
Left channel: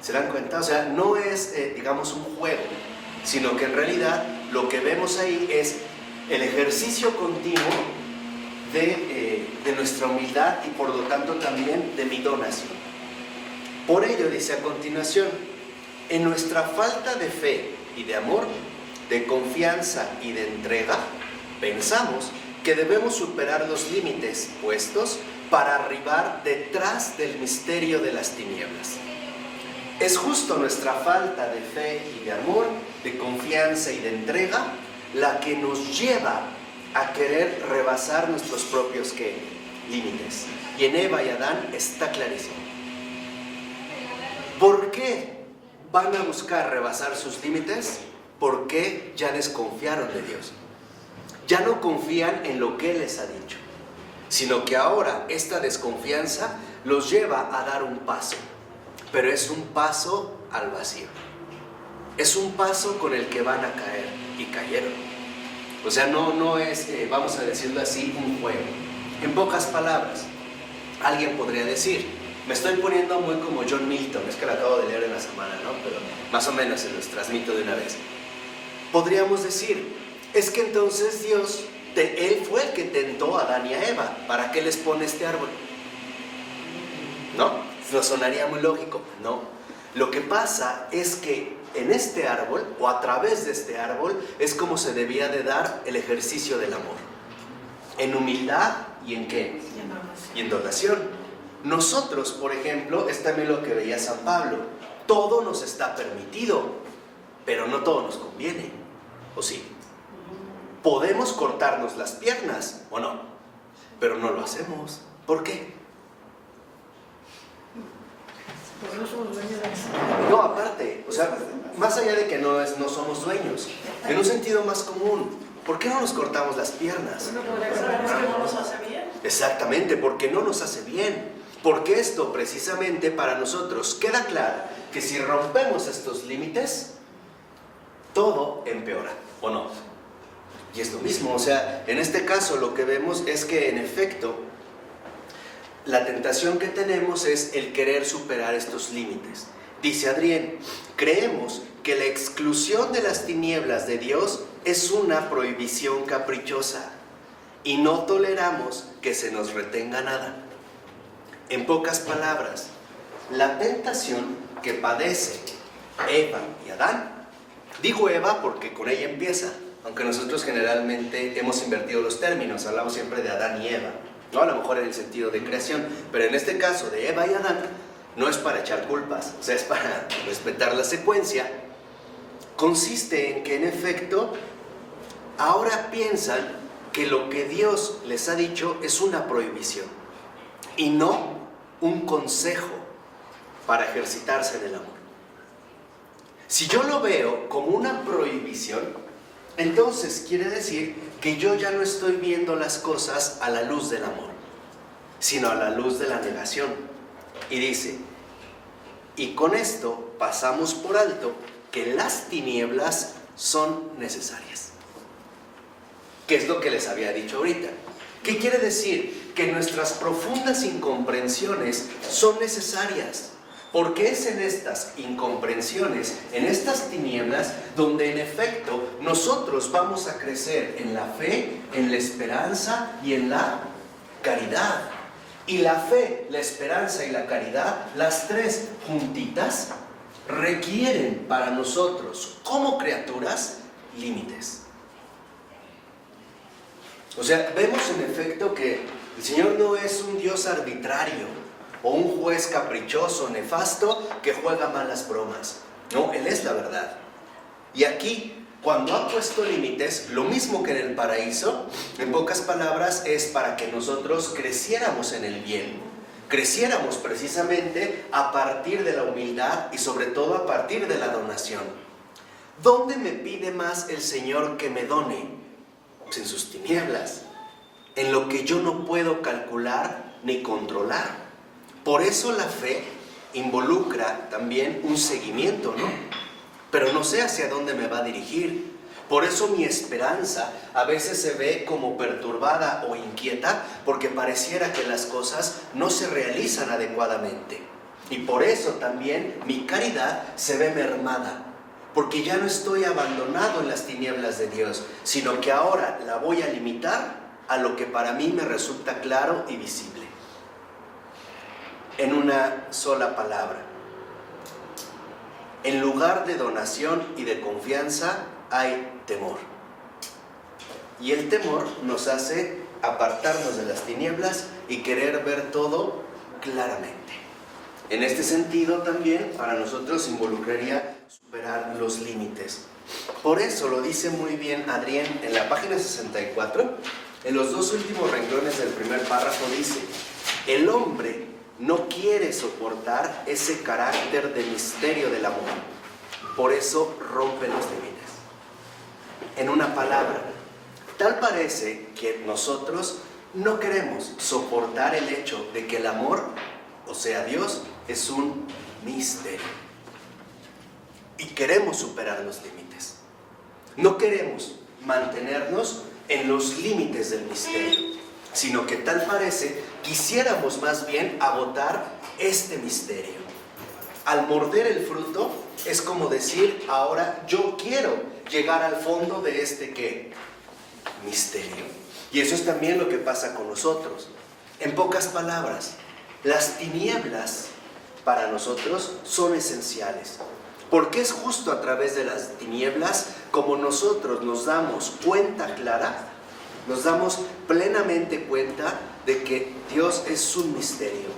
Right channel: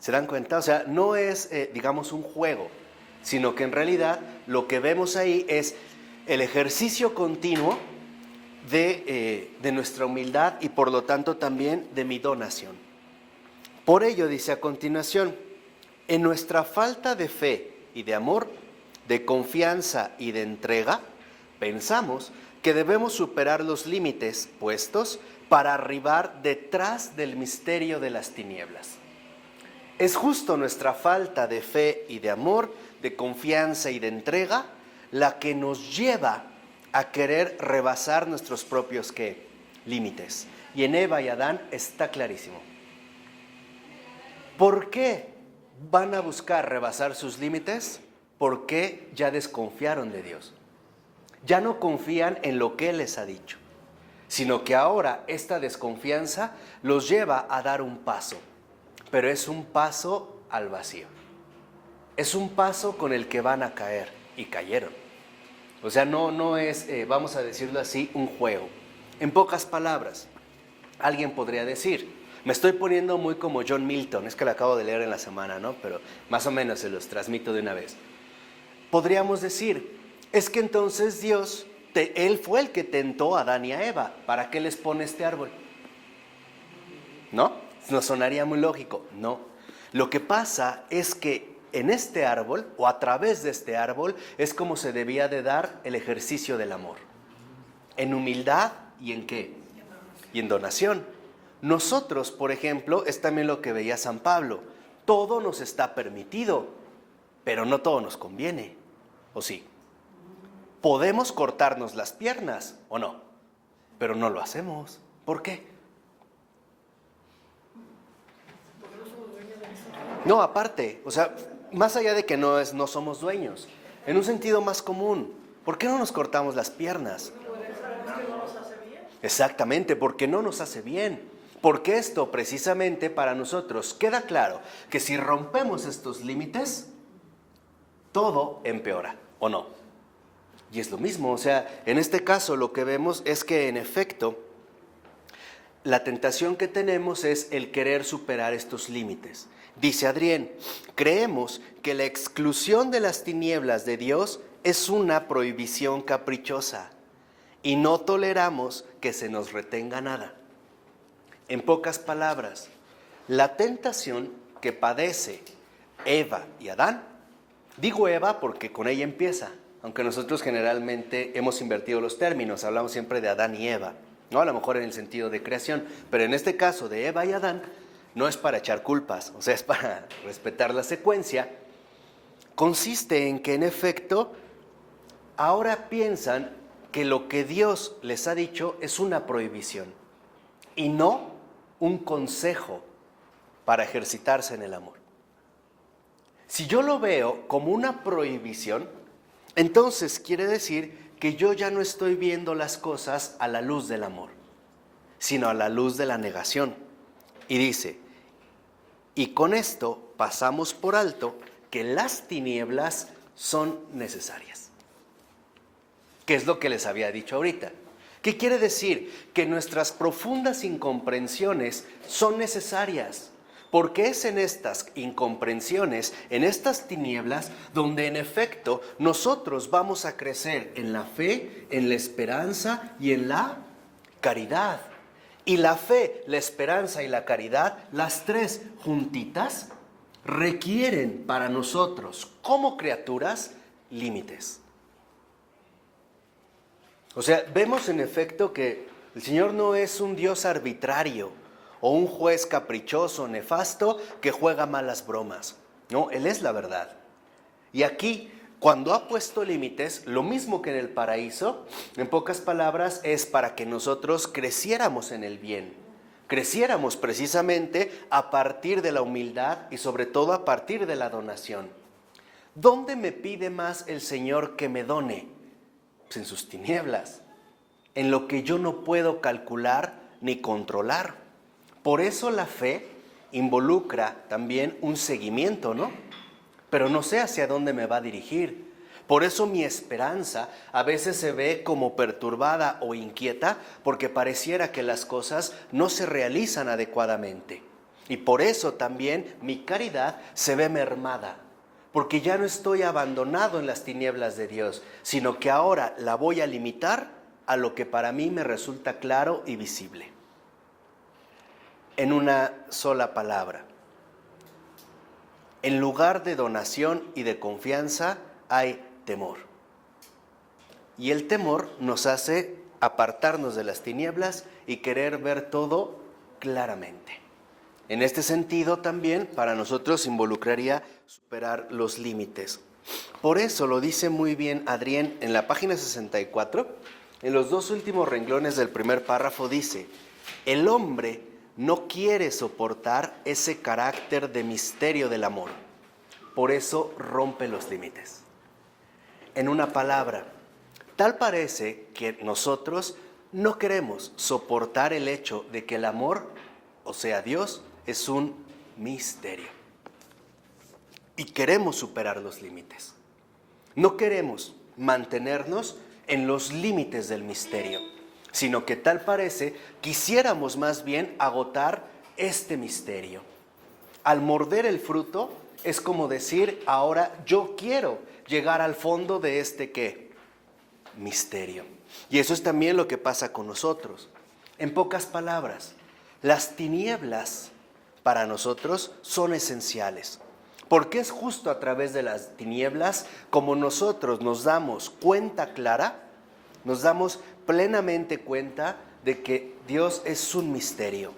¿Se dan cuenta? O sea, no es, un juego, sino que en realidad lo que vemos ahí es el ejercicio continuo de nuestra humildad y por lo tanto también de mi donación. Por ello dice a continuación, en nuestra falta de fe y de amor, de confianza y de entrega, pensamos que debemos superar los límites puestos para arribar detrás del misterio de las tinieblas. Es justo nuestra falta de fe y de amor, de confianza y de entrega, la que nos lleva a querer rebasar nuestros propios límites. Y en Eva y Adán está clarísimo. ¿Por qué van a buscar rebasar sus límites? Porque ya desconfiaron de Dios. Ya no confían en lo que Él les ha dicho, sino que ahora esta desconfianza los lleva a dar un paso. Pero es un paso al vacío. Es un paso con el que van a caer, y cayeron. O sea, no es, vamos a decirlo así, un juego. En pocas palabras, alguien podría decir, me estoy poniendo muy como John Milton, es que lo acabo de leer en la semana, ¿no? Pero más o menos se los transmito de una vez. Podríamos decir, es que entonces Dios, Él fue el que tentó a Adán y a Eva, ¿para qué les pone este árbol? ¿No? Nos sonaría muy lógico. No. Lo que pasa es que en este árbol, o a través de este árbol, es como se debía de dar el ejercicio del amor. En humildad y en ¿qué? Y en donación. Nosotros, por ejemplo, es también lo que veía San Pablo. Todo nos está permitido, pero no todo nos conviene. ¿O sí? Podemos cortarnos las piernas, ¿o no? Pero no lo hacemos. ¿Por qué? No, aparte, o sea, más allá de que no somos dueños, en un sentido más común, ¿por qué no nos cortamos las piernas? Porque no nos hace bien. Exactamente, porque no nos hace bien. Porque esto precisamente para nosotros queda claro que si rompemos estos límites, todo empeora, ¿o no? Y es lo mismo, o sea, en este caso lo que vemos es que en efecto, la tentación que tenemos es el querer superar estos límites. Dice Adrián, creemos que la exclusión de las tinieblas de Dios es una prohibición caprichosa y no toleramos que se nos retenga nada. En pocas palabras, la tentación que padece Eva y Adán, digo Eva porque con ella empieza, aunque nosotros generalmente hemos invertido los términos, hablamos siempre de Adán y Eva. No, a lo mejor en el sentido de creación, pero en este caso de Eva y Adán, no es para echar culpas, o sea, es para respetar la secuencia. Consiste en que en efecto, ahora piensan que lo que Dios les ha dicho es una prohibición y no un consejo para ejercitarse en el amor. Si yo lo veo como una prohibición, entonces quiere decir que yo ya no estoy viendo las cosas a la luz del amor, sino a la luz de la negación. Y dice, y con esto pasamos por alto que las tinieblas son necesarias. ¿Qué es lo que les había dicho ahorita? ¿Qué quiere decir? Que nuestras profundas incomprensiones son necesarias, porque es en estas incomprensiones, en estas tinieblas, donde en efecto nosotros vamos a crecer en la fe, en la esperanza y en la caridad. Y la fe, la esperanza y la caridad, las tres juntitas, requieren para nosotros, como criaturas, límites. O sea, vemos en efecto que el Señor no es un Dios arbitrario o un juez caprichoso, nefasto, que juega malas bromas. No, Él es la verdad. Y aquí, cuando ha puesto límites, lo mismo que en el paraíso, en pocas palabras, es para que nosotros creciéramos en el bien. Creciéramos precisamente a partir de la humildad y sobre todo a partir de la donación. ¿Dónde me pide más el Señor que me done? Pues en sus tinieblas, en lo que yo no puedo calcular ni controlar. Por eso la fe involucra también un seguimiento, ¿no? Pero no sé hacia dónde me va a dirigir. Por eso mi esperanza a veces se ve como perturbada o inquieta, porque pareciera que las cosas no se realizan adecuadamente. Y por eso también mi caridad se ve mermada, porque ya no estoy abandonado en las tinieblas de Dios, sino que ahora la voy a limitar a lo que para mí me resulta claro y visible. En una sola palabra, en lugar de donación y de confianza hay temor. Y el temor nos hace apartarnos de las tinieblas y querer ver todo claramente. En este sentido también para nosotros involucraría superar los límites. Por eso lo dice muy bien Adrián en la página 64, en los dos últimos renglones del primer párrafo dice, el hombre no quiere soportar ese carácter de misterio del amor, por eso rompe los límites. En una palabra, tal parece que nosotros no queremos soportar el hecho de que el amor, o sea Dios, es un misterio. Y queremos superar los límites. No queremos mantenernos en los límites del misterio, sino que tal parece quisiéramos más bien agotar este misterio. Al morder el fruto es como decir, ahora yo quiero llegar al fondo de este ¿qué? Misterio. Y eso es también lo que pasa con nosotros. En pocas palabras, las tinieblas para nosotros son esenciales. Porque es justo a través de las tinieblas como nosotros nos damos cuenta clara, nos damos plenamente cuenta de que Dios es un misterio.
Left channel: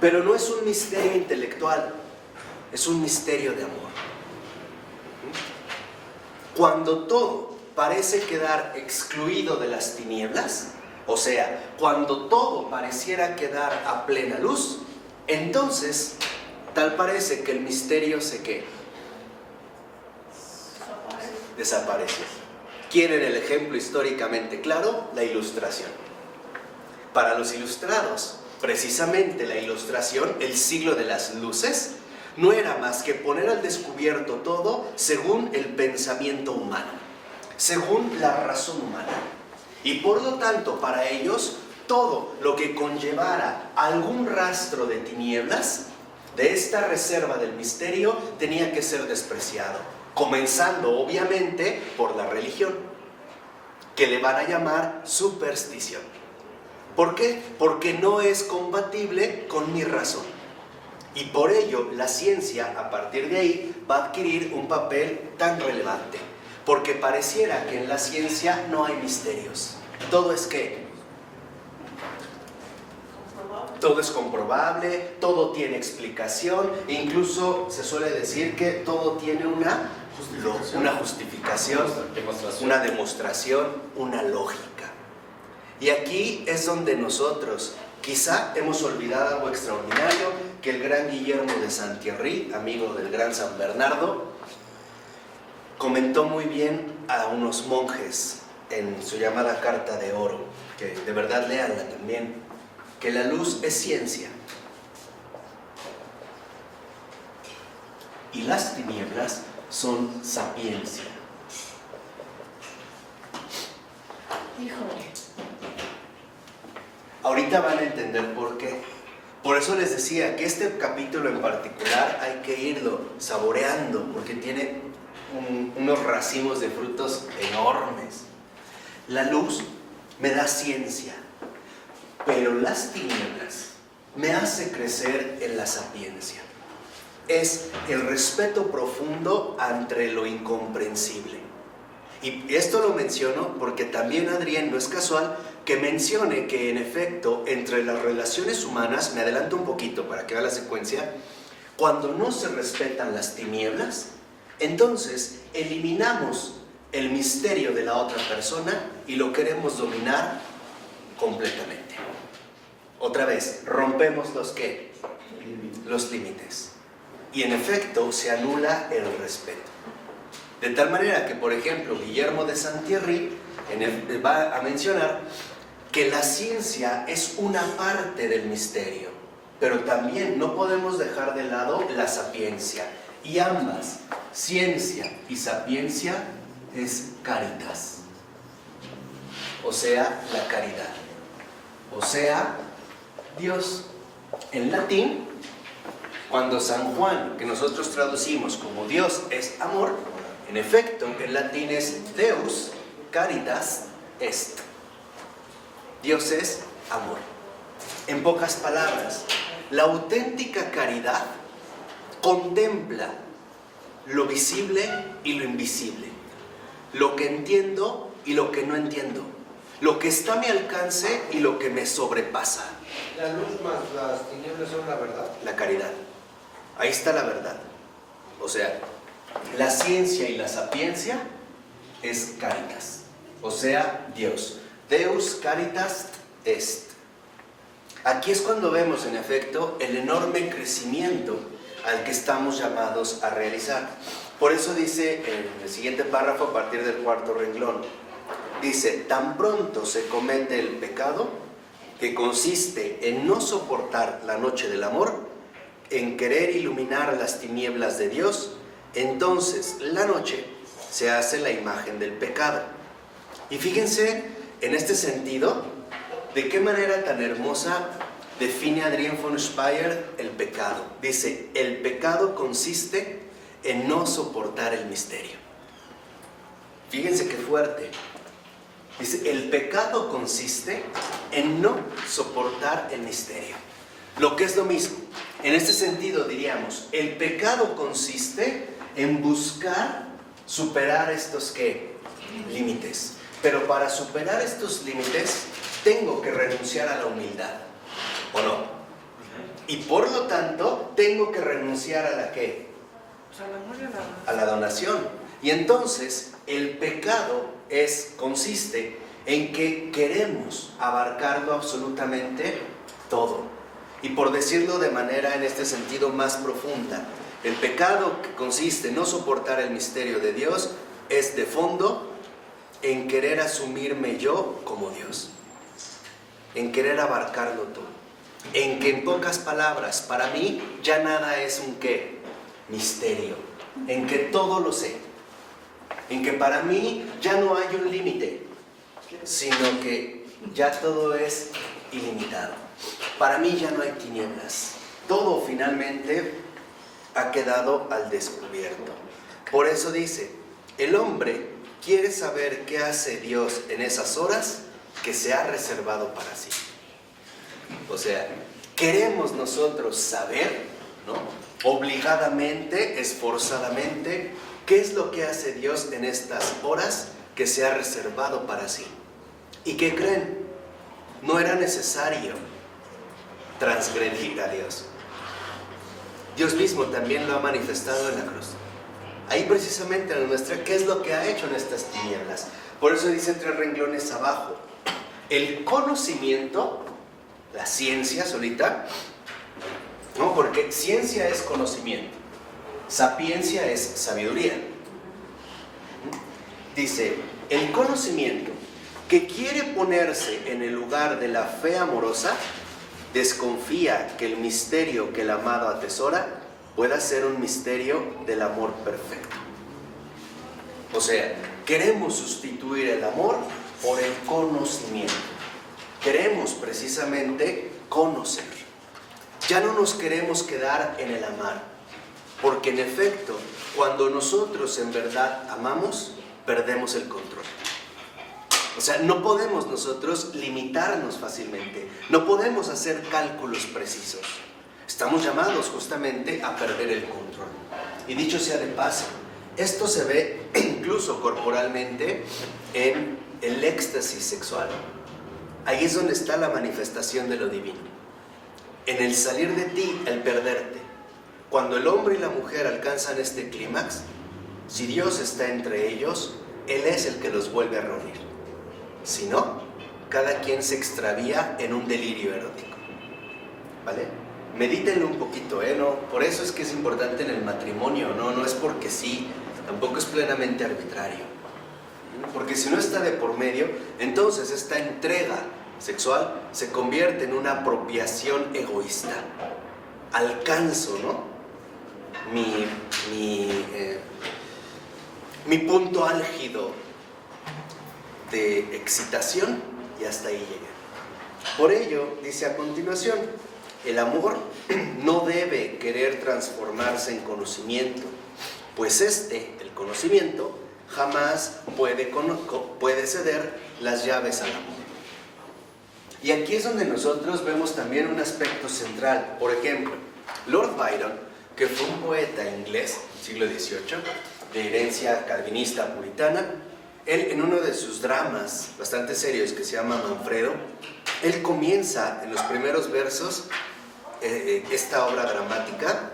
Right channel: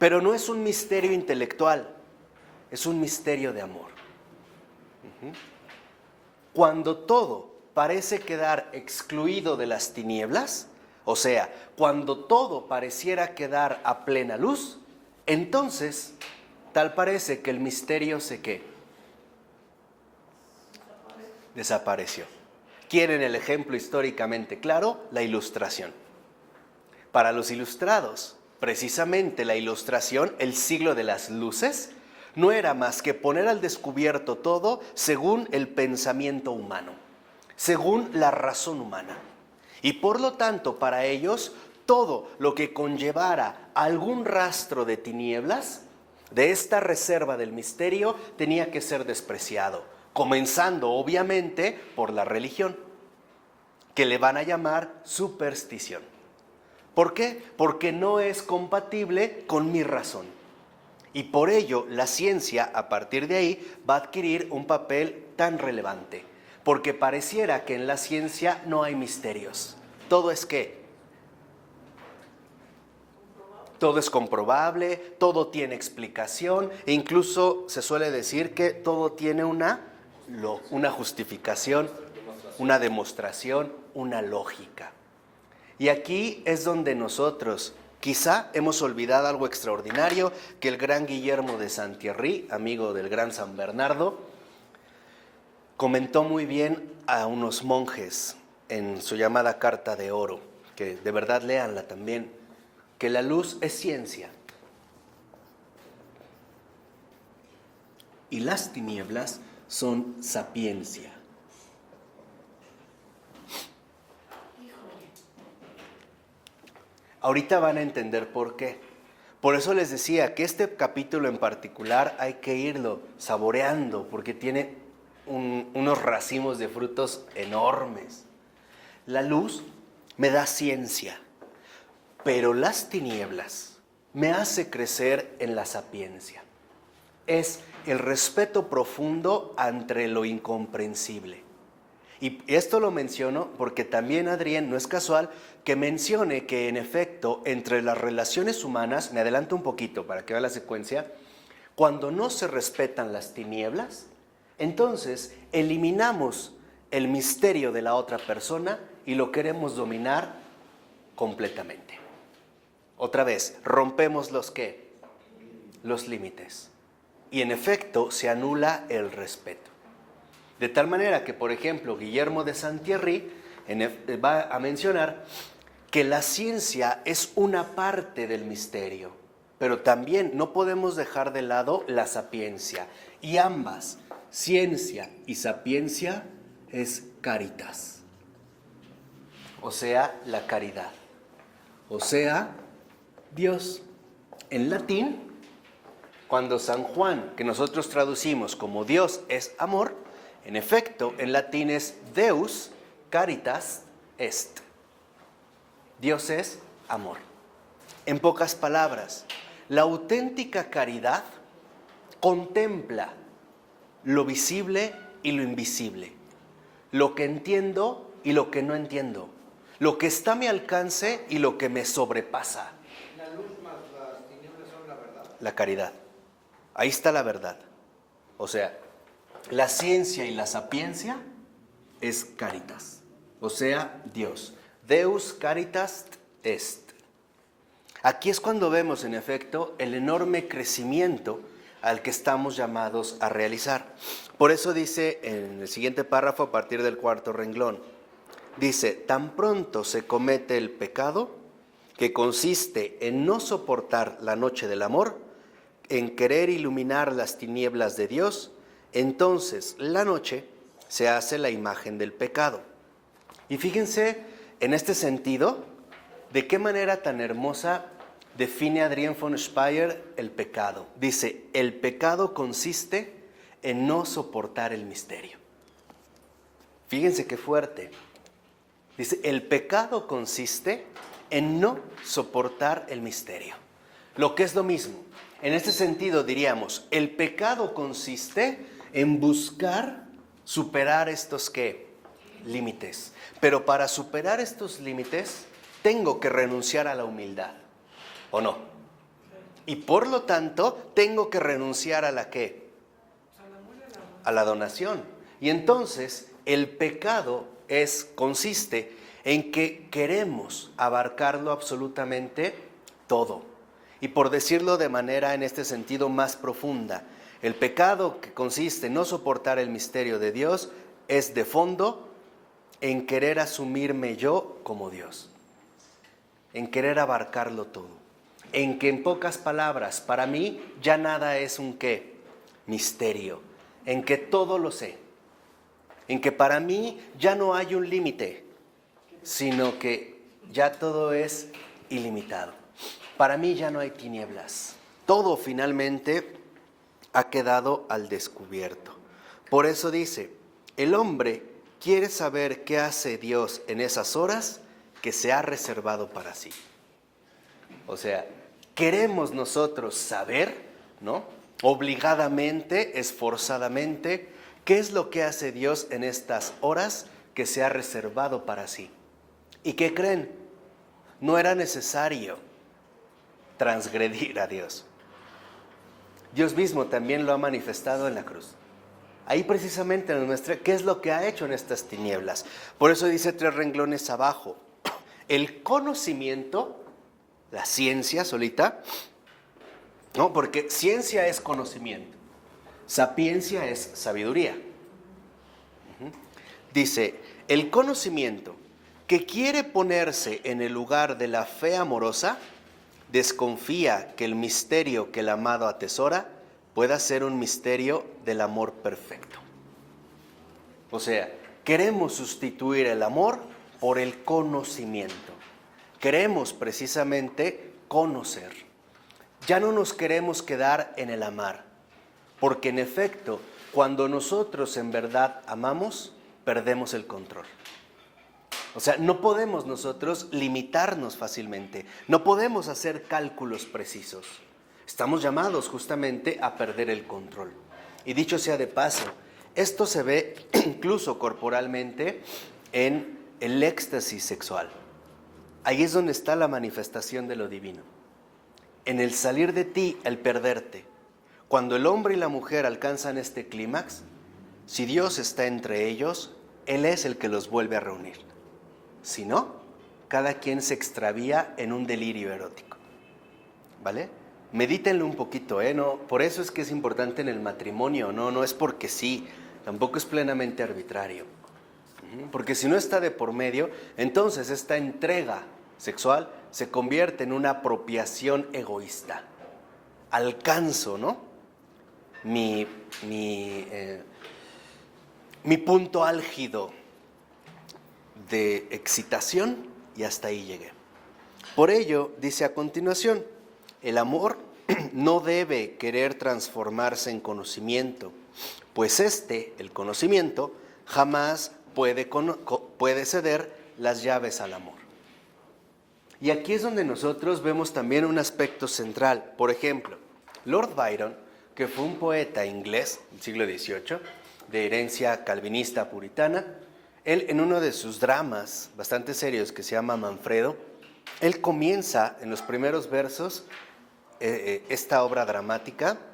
Pero no es un misterio intelectual, es un misterio de amor. Cuando todo parece quedar excluido de las tinieblas, o sea, cuando todo pareciera quedar a plena luz, entonces tal parece que el misterio desaparece. ¿Quieren el ejemplo históricamente claro? La Ilustración. Para los ilustrados, precisamente la Ilustración, el siglo de las luces, no era más que poner al descubierto todo según el pensamiento humano, según la razón humana. Y por lo tanto, para ellos, todo lo que conllevara algún rastro de tinieblas, de esta reserva del misterio, tenía que ser despreciado, comenzando obviamente por la religión, que le van a llamar superstición. ¿Por qué? Porque no es compatible con mi razón. Y por ello la ciencia a partir de ahí va a adquirir un papel tan relevante, porque pareciera que en la ciencia no hay misterios. Todo es ¿qué? Todo es comprobable, todo tiene explicación, e incluso se suele decir que todo tiene una justificación, una demostración, una lógica. Y aquí es donde nosotros quizá hemos olvidado algo extraordinario que el gran Guillermo de Saint-Thierry, amigo del gran San Bernardo, comentó muy bien a unos monjes en su llamada Carta de Oro, que de verdad léanla también, que la luz es ciencia y las tinieblas son sapiencia. Híjole. Ahorita van a entender por qué. Por eso les decía que este capítulo en particular hay que irlo saboreando, porque tiene unos racimos de frutos enormes. La luz me da ciencia, pero las tinieblas me hace crecer en la sapiencia. Es el respeto profundo ante lo incomprensible. Y esto lo menciono porque también Adrián, no es casual que mencione que en efecto entre las relaciones humanas, me adelanto un poquito para que vea la secuencia, cuando no se respetan las tinieblas, entonces eliminamos el misterio de la otra persona y lo queremos dominar completamente. Otra vez, rompemos los límites. Y en efecto se anula el respeto. De tal manera que, por ejemplo, Guillermo de Saint-Thierry va a mencionar que la ciencia es una parte del misterio, pero también no podemos dejar de lado la sapiencia. Y ambas, ciencia y sapiencia, es caritas. O sea, la caridad. O sea, Dios. En latín, cuando San Juan, que nosotros traducimos como Dios es amor, en efecto, en latín es Deus caritas est. Dios es amor. En pocas palabras, la auténtica caridad contempla lo visible y lo invisible, lo que entiendo y lo que no entiendo, lo que está a mi alcance y lo que me sobrepasa. La luz más las tinieblas son la verdad. La caridad. Ahí está la verdad. O sea, la ciencia y la sapiencia es caritas. O sea, Dios. Deus caritas est. Aquí es cuando vemos, en efecto, el enorme crecimiento al que estamos llamados a realizar. Por eso dice en el siguiente párrafo, a partir del 4º renglón, dice, tan pronto se comete el pecado, que consiste en no soportar la noche del amor, en querer iluminar las tinieblas de Dios, entonces la noche se hace la imagen del pecado. Y fíjense, en este sentido, de qué manera tan hermosa define Adrián von Speyer el pecado. Dice, el pecado consiste en no soportar el misterio. Fíjense qué fuerte. Dice, el pecado consiste en no soportar el misterio. Lo que es lo mismo. En este sentido diríamos, el pecado consiste en buscar superar estos ¿qué? Límites. Pero para superar estos límites, tengo que renunciar a la humildad, ¿o no? Y por lo tanto, tengo que renunciar a la ¿qué? A la donación. Y entonces, el pecado consiste en que queremos abarcarlo absolutamente todo. Y por decirlo de manera en este sentido más profunda, el pecado que consiste en no soportar el misterio de Dios es de fondo en querer asumirme yo como Dios, en querer abarcarlo todo, en que en pocas palabras, para mí ya nada es un ¿qué? Misterio, en que todo lo sé, en que para mí ya no hay un límite, sino que ya todo es ilimitado. Para mí ya no hay tinieblas, todo finalmente ha quedado al descubierto. Por eso dice, el hombre quiere saber qué hace Dios en esas horas que se ha reservado para sí. O sea, queremos nosotros saber, ¿no? Obligadamente, esforzadamente, qué es lo que hace Dios en estas horas que se ha reservado para sí. ¿Y qué creen? No era necesario transgredir a Dios. Dios mismo también lo ha manifestado en la cruz. Ahí precisamente en nuestra, ¿qué es lo que ha hecho en estas tinieblas? Por eso dice 3 renglones abajo, el conocimiento, la ciencia solita, ¿no? Porque ciencia es conocimiento, sapiencia es sabiduría. Dice, el conocimiento que quiere ponerse en el lugar de la fe amorosa, desconfía que el misterio que el amado atesora pueda ser un misterio del amor perfecto. O sea, queremos sustituir el amor por el conocimiento. Queremos precisamente conocer. Ya no nos queremos quedar en el amar, porque en efecto, cuando nosotros en verdad amamos, perdemos el control. O sea, no podemos nosotros limitarnos fácilmente, no podemos hacer cálculos precisos. Estamos llamados justamente a perder el control. Y dicho sea de paso, esto se ve incluso corporalmente en el éxtasis sexual. Ahí es donde está la manifestación de lo divino. En el salir de ti, el perderte. Cuando el hombre y la mujer alcanzan este clímax, si Dios está entre ellos, Él es el que los vuelve a reunir. Si no, cada quien se extravía en un delirio erótico. ¿Vale? Medítenlo un poquito, ¿no? Por eso es que es importante en el matrimonio, no es porque sí, tampoco es plenamente arbitrario. Porque si no está de por medio, entonces esta entrega sexual se convierte en una apropiación egoísta. Alcanzo, ¿no? Mi punto álgido de excitación y hasta ahí llegué. Por ello, dice a continuación, el amor no debe querer transformarse en conocimiento, pues el conocimiento, jamás puede ceder las llaves al amor. Y aquí es donde nosotros vemos también un aspecto central. Por ejemplo, Lord Byron, que fue un poeta inglés del siglo XVIII, de herencia calvinista puritana, él en uno de sus dramas bastante serios que se llama Manfredo, él comienza en los primeros versos esta obra dramática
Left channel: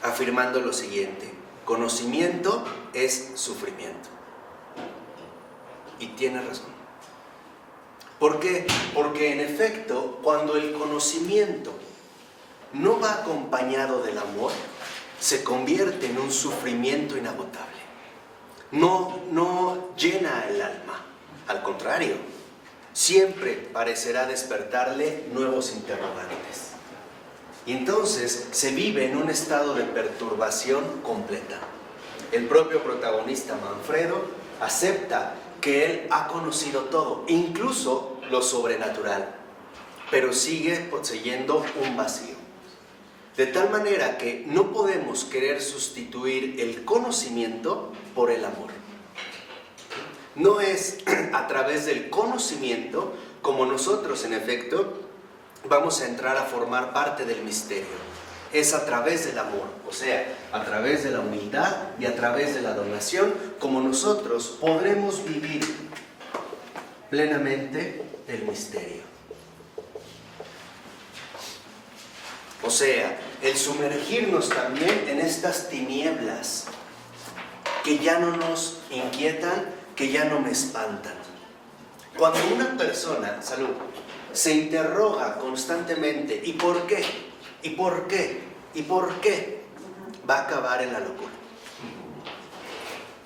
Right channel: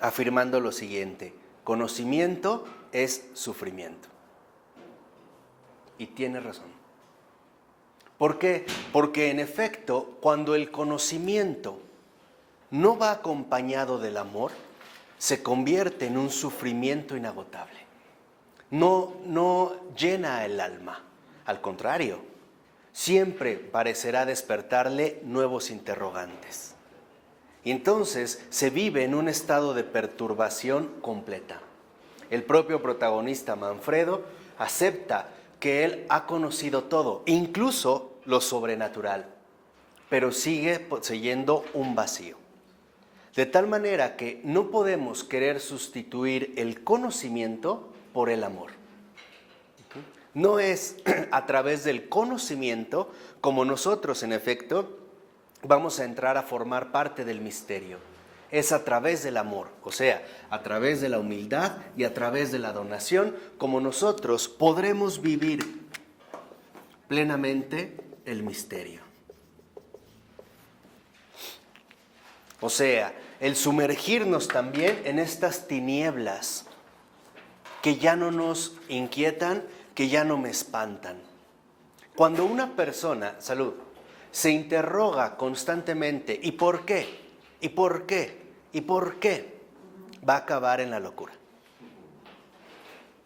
afirmando lo siguiente: conocimiento es sufrimiento. Y tiene razón. ¿Por qué? Porque en efecto, cuando el conocimiento no va acompañado del amor, se convierte en un sufrimiento inagotable. No llena el alma, al contrario, siempre parecerá despertarle nuevos interrogantes. Y entonces se vive en un estado de perturbación completa. El propio protagonista Manfredo acepta que él ha conocido todo, incluso lo sobrenatural, pero sigue poseyendo un vacío. De tal manera que no podemos querer sustituir el conocimiento por el amor. No es a través del conocimiento como nosotros, en efecto, vamos a entrar a formar parte del misterio. Es a través del amor, o sea, a través de la humildad y a través de la donación, como nosotros podremos vivir plenamente el misterio. O sea, el sumergirnos también en estas tinieblas que ya no nos inquietan, que ya no me espantan. Cuando una persona, salud, se interroga constantemente, ¿y por qué? ¿Y por qué? ¿Y por qué? Va a acabar en la locura.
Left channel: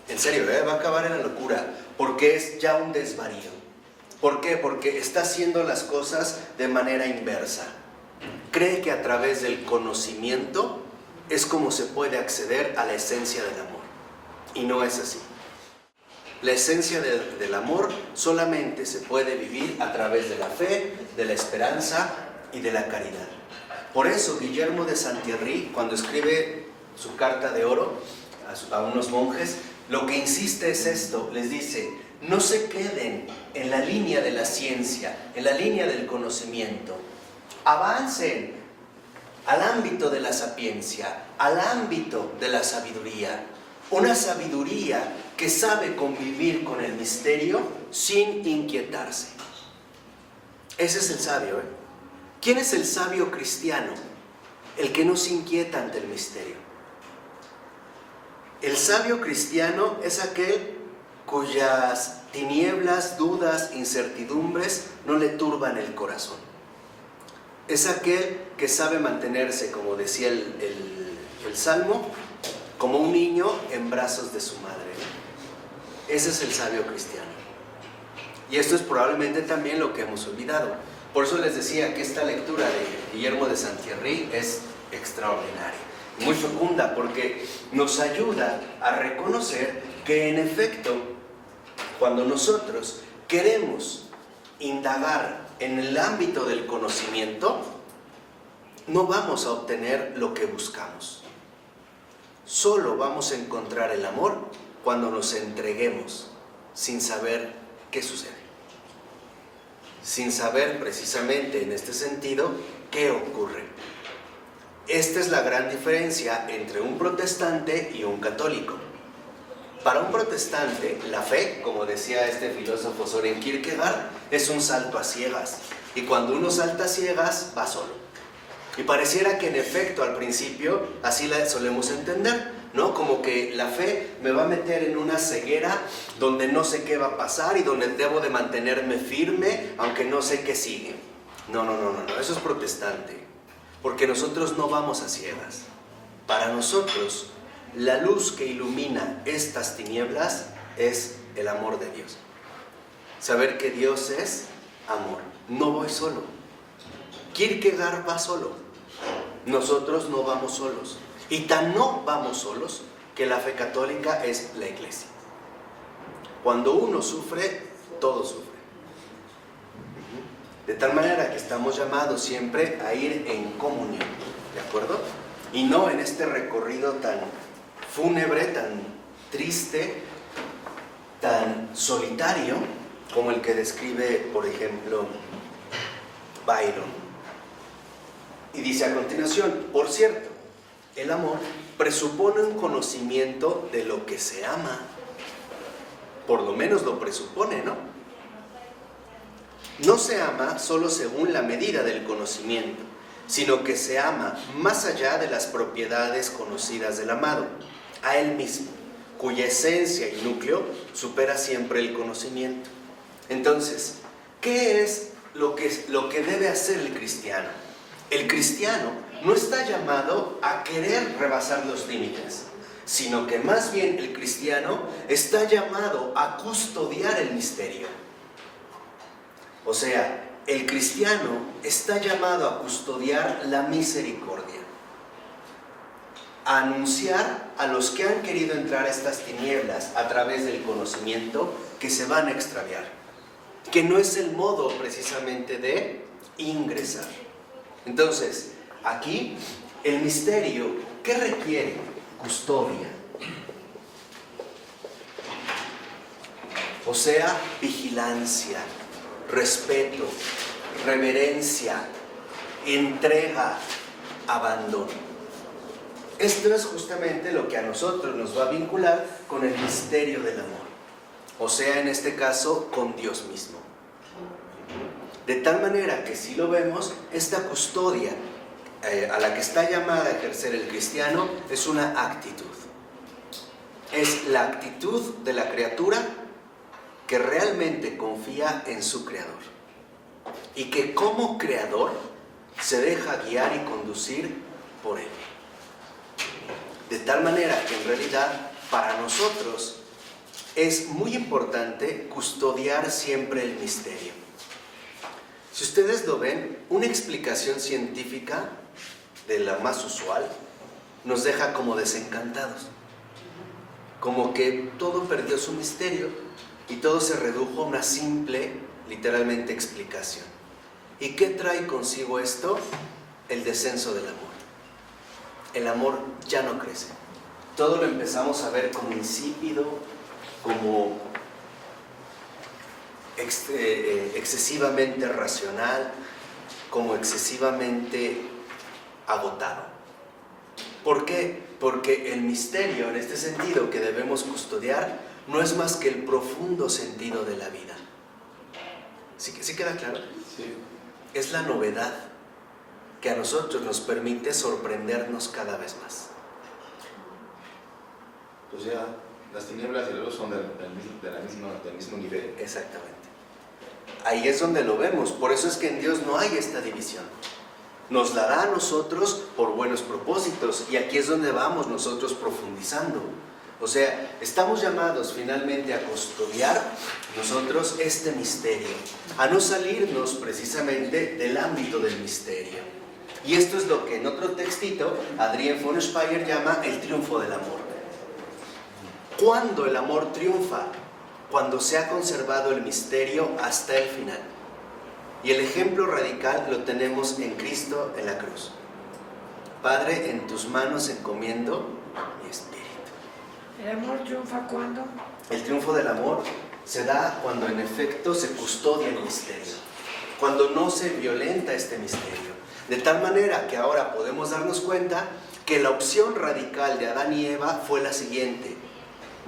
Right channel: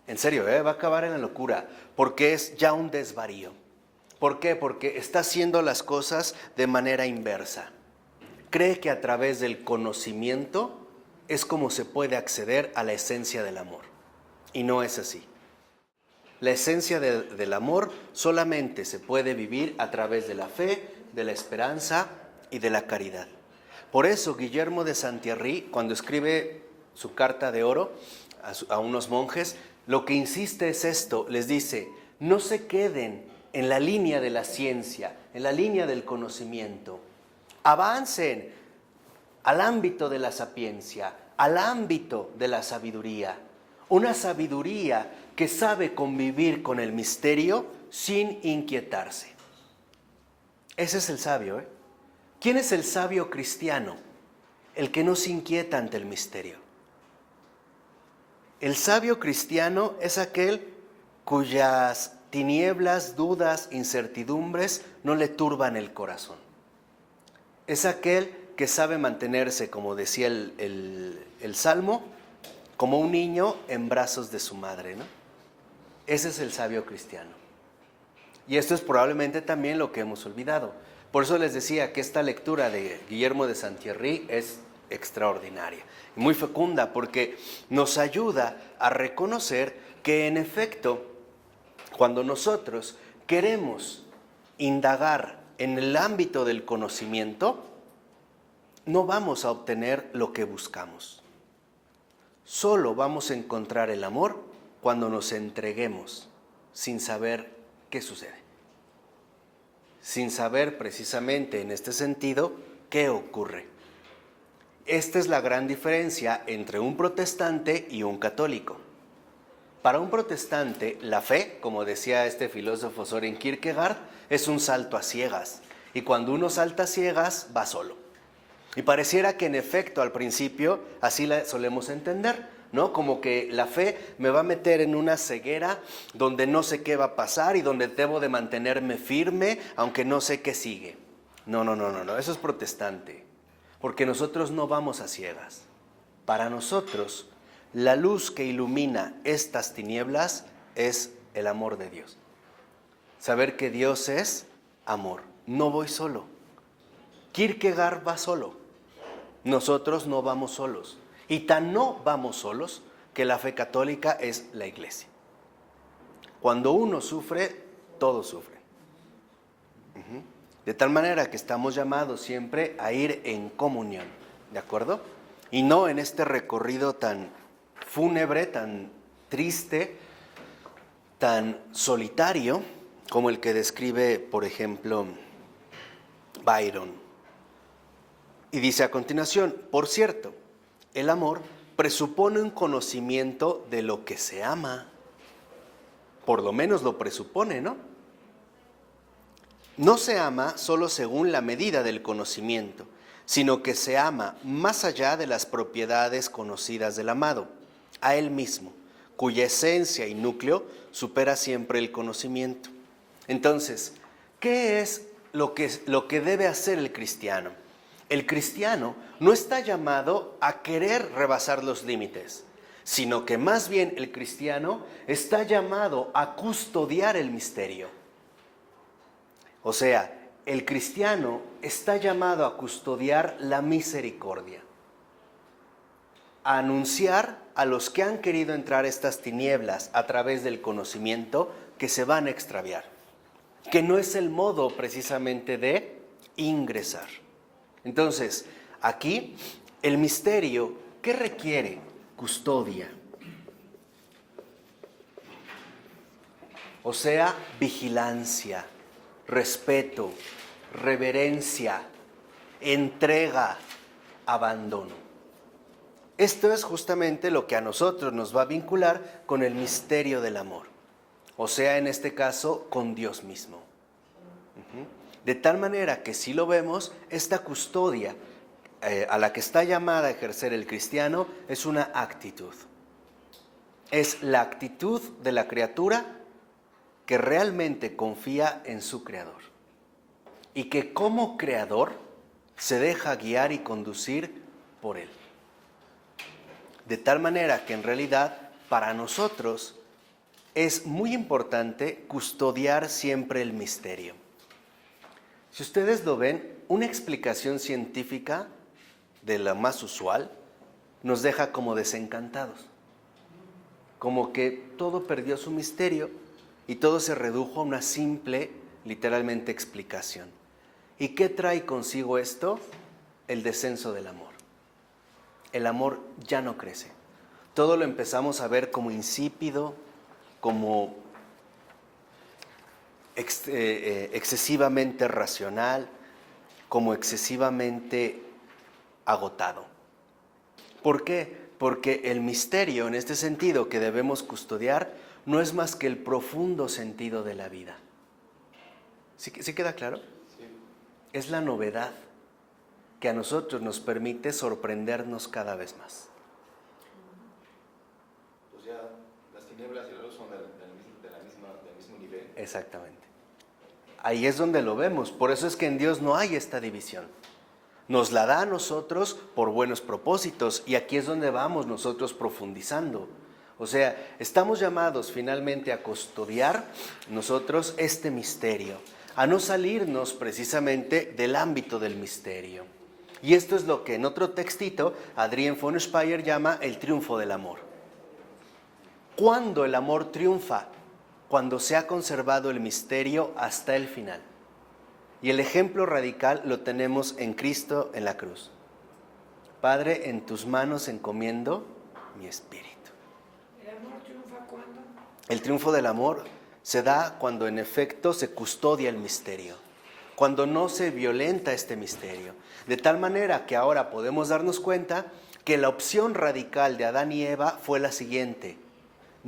En serio, va a acabar en la locura, porque es ya un desvarío. ¿Por qué? Porque está haciendo las cosas de manera inversa. Cree que a través del conocimiento es como se puede acceder a la esencia del amor. Y no es así. La esencia del amor solamente se puede vivir a través de la fe, de la esperanza y de la caridad. Por eso Guillermo de Saint-Thierry, cuando escribe su carta de oro a unos monjes, lo que insiste es esto, les dice: no se queden en la línea de la ciencia, en la línea del conocimiento. Avancen al ámbito de la sapiencia, al ámbito de la sabiduría. Una sabiduría que sabe convivir con el misterio sin inquietarse. Ese es el sabio, ¿Quién es el sabio cristiano? El que no se inquieta ante el misterio. El sabio cristiano es aquel cuyas tinieblas, dudas, incertidumbres no le turban el corazón. Es aquel que sabe mantenerse, como decía el Salmo, como un niño en brazos de su madre, ¿no? Ese es el sabio cristiano. Y esto es probablemente también lo que hemos olvidado. Por eso les decía que esta lectura de Guillermo de Saint-Thierry es extraordinaria, muy fecunda, porque nos ayuda a reconocer que en efecto, cuando nosotros queremos indagar en el ámbito del conocimiento, no vamos a obtener lo que buscamos. Solo vamos a encontrar el amor cuando nos entreguemos sin saber qué sucede. Sin saber precisamente en este sentido qué ocurre. Esta es la gran diferencia entre un protestante y un católico. Para un protestante, la fe, como decía este filósofo Søren Kierkegaard, es un salto a ciegas. Y cuando uno salta a ciegas, va solo. Y pareciera que en efecto al principio así la solemos entender, ¿no? Como que la fe me va a meter en una ceguera donde no sé qué va a pasar y donde debo de mantenerme firme aunque no sé qué sigue. No, eso es protestante, porque nosotros no vamos a ciegas. Para nosotros, la luz que ilumina estas tinieblas es el amor de Dios. Saber que Dios es amor. No voy solo. Kierkegaard va solo. Nosotros no vamos solos. Y tan no vamos solos que la fe católica es la iglesia. Cuando uno sufre, todo sufre. De tal manera que estamos llamados siempre a ir en comunión, ¿de acuerdo? Y no en este recorrido tan fúnebre, tan triste, tan solitario, como el que describe, por ejemplo, Byron. Y dice a continuación, por cierto, el amor presupone un conocimiento de lo que se ama. Por lo menos lo presupone, ¿no? No se ama solo según la medida del conocimiento, sino que se ama más allá de las propiedades conocidas del amado, a él mismo, cuya esencia y núcleo supera siempre el conocimiento. Entonces, ¿qué es lo que debe hacer el cristiano? El cristiano no está llamado a querer rebasar los límites, sino que más bien el cristiano está llamado a custodiar el misterio. O sea, el cristiano está llamado a custodiar la misericordia, a anunciar a los que han querido entrar a estas tinieblas a través del conocimiento que se van a extraviar, que no es el modo precisamente de ingresar. Entonces, aquí el misterio, ¿qué requiere? Custodia. O sea, vigilancia, respeto, reverencia, entrega, abandono. Esto es justamente lo que a nosotros nos va a vincular con el misterio del amor. O sea, en este caso, con Dios mismo. De tal manera que si lo vemos, esta custodia a la que está llamada a ejercer el cristiano es una actitud. Es la actitud de la criatura que realmente confía en su creador y que como creador se deja guiar y conducir por él. De tal manera que en realidad para nosotros es muy importante custodiar siempre el misterio. Si ustedes lo ven, una explicación científica de la más usual nos deja como desencantados, como que todo perdió su misterio y todo se redujo a una simple, literalmente, explicación. ¿Y qué trae consigo esto? El descenso del amor. El amor ya no crece. Todo lo empezamos a ver como insípido, como excesivamente racional, como excesivamente agotado. ¿Por qué? Porque el misterio, en este sentido, que debemos custodiar, no es más que el profundo sentido de la vida. ¿Sí queda claro? Sí. Es la novedad que a nosotros nos permite sorprendernos cada vez más. Pues ya, las tinieblas y la luz son del mismo nivel. Exactamente. Ahí es donde lo vemos. Por eso es que en Dios no hay esta división. Nos la da a nosotros por buenos propósitos. Y aquí es donde vamos nosotros profundizando. O sea, estamos llamados finalmente a custodiar nosotros este misterio, a no salirnos precisamente del ámbito del misterio. Y esto es lo que en otro textito Adrienne von Speyer llama el triunfo del amor. ¿Cuándo el amor triunfa? Cuando se ha conservado el misterio hasta el final. Y el ejemplo radical lo tenemos en Cristo en la cruz. Padre, en tus manos encomiendo mi espíritu. ¿El amor triunfa cuándo? El triunfo del amor se da cuando en efecto se custodia el misterio, cuando no se violenta este misterio. De tal manera que ahora podemos darnos cuenta que la opción radical de Adán y Eva fue la siguiente:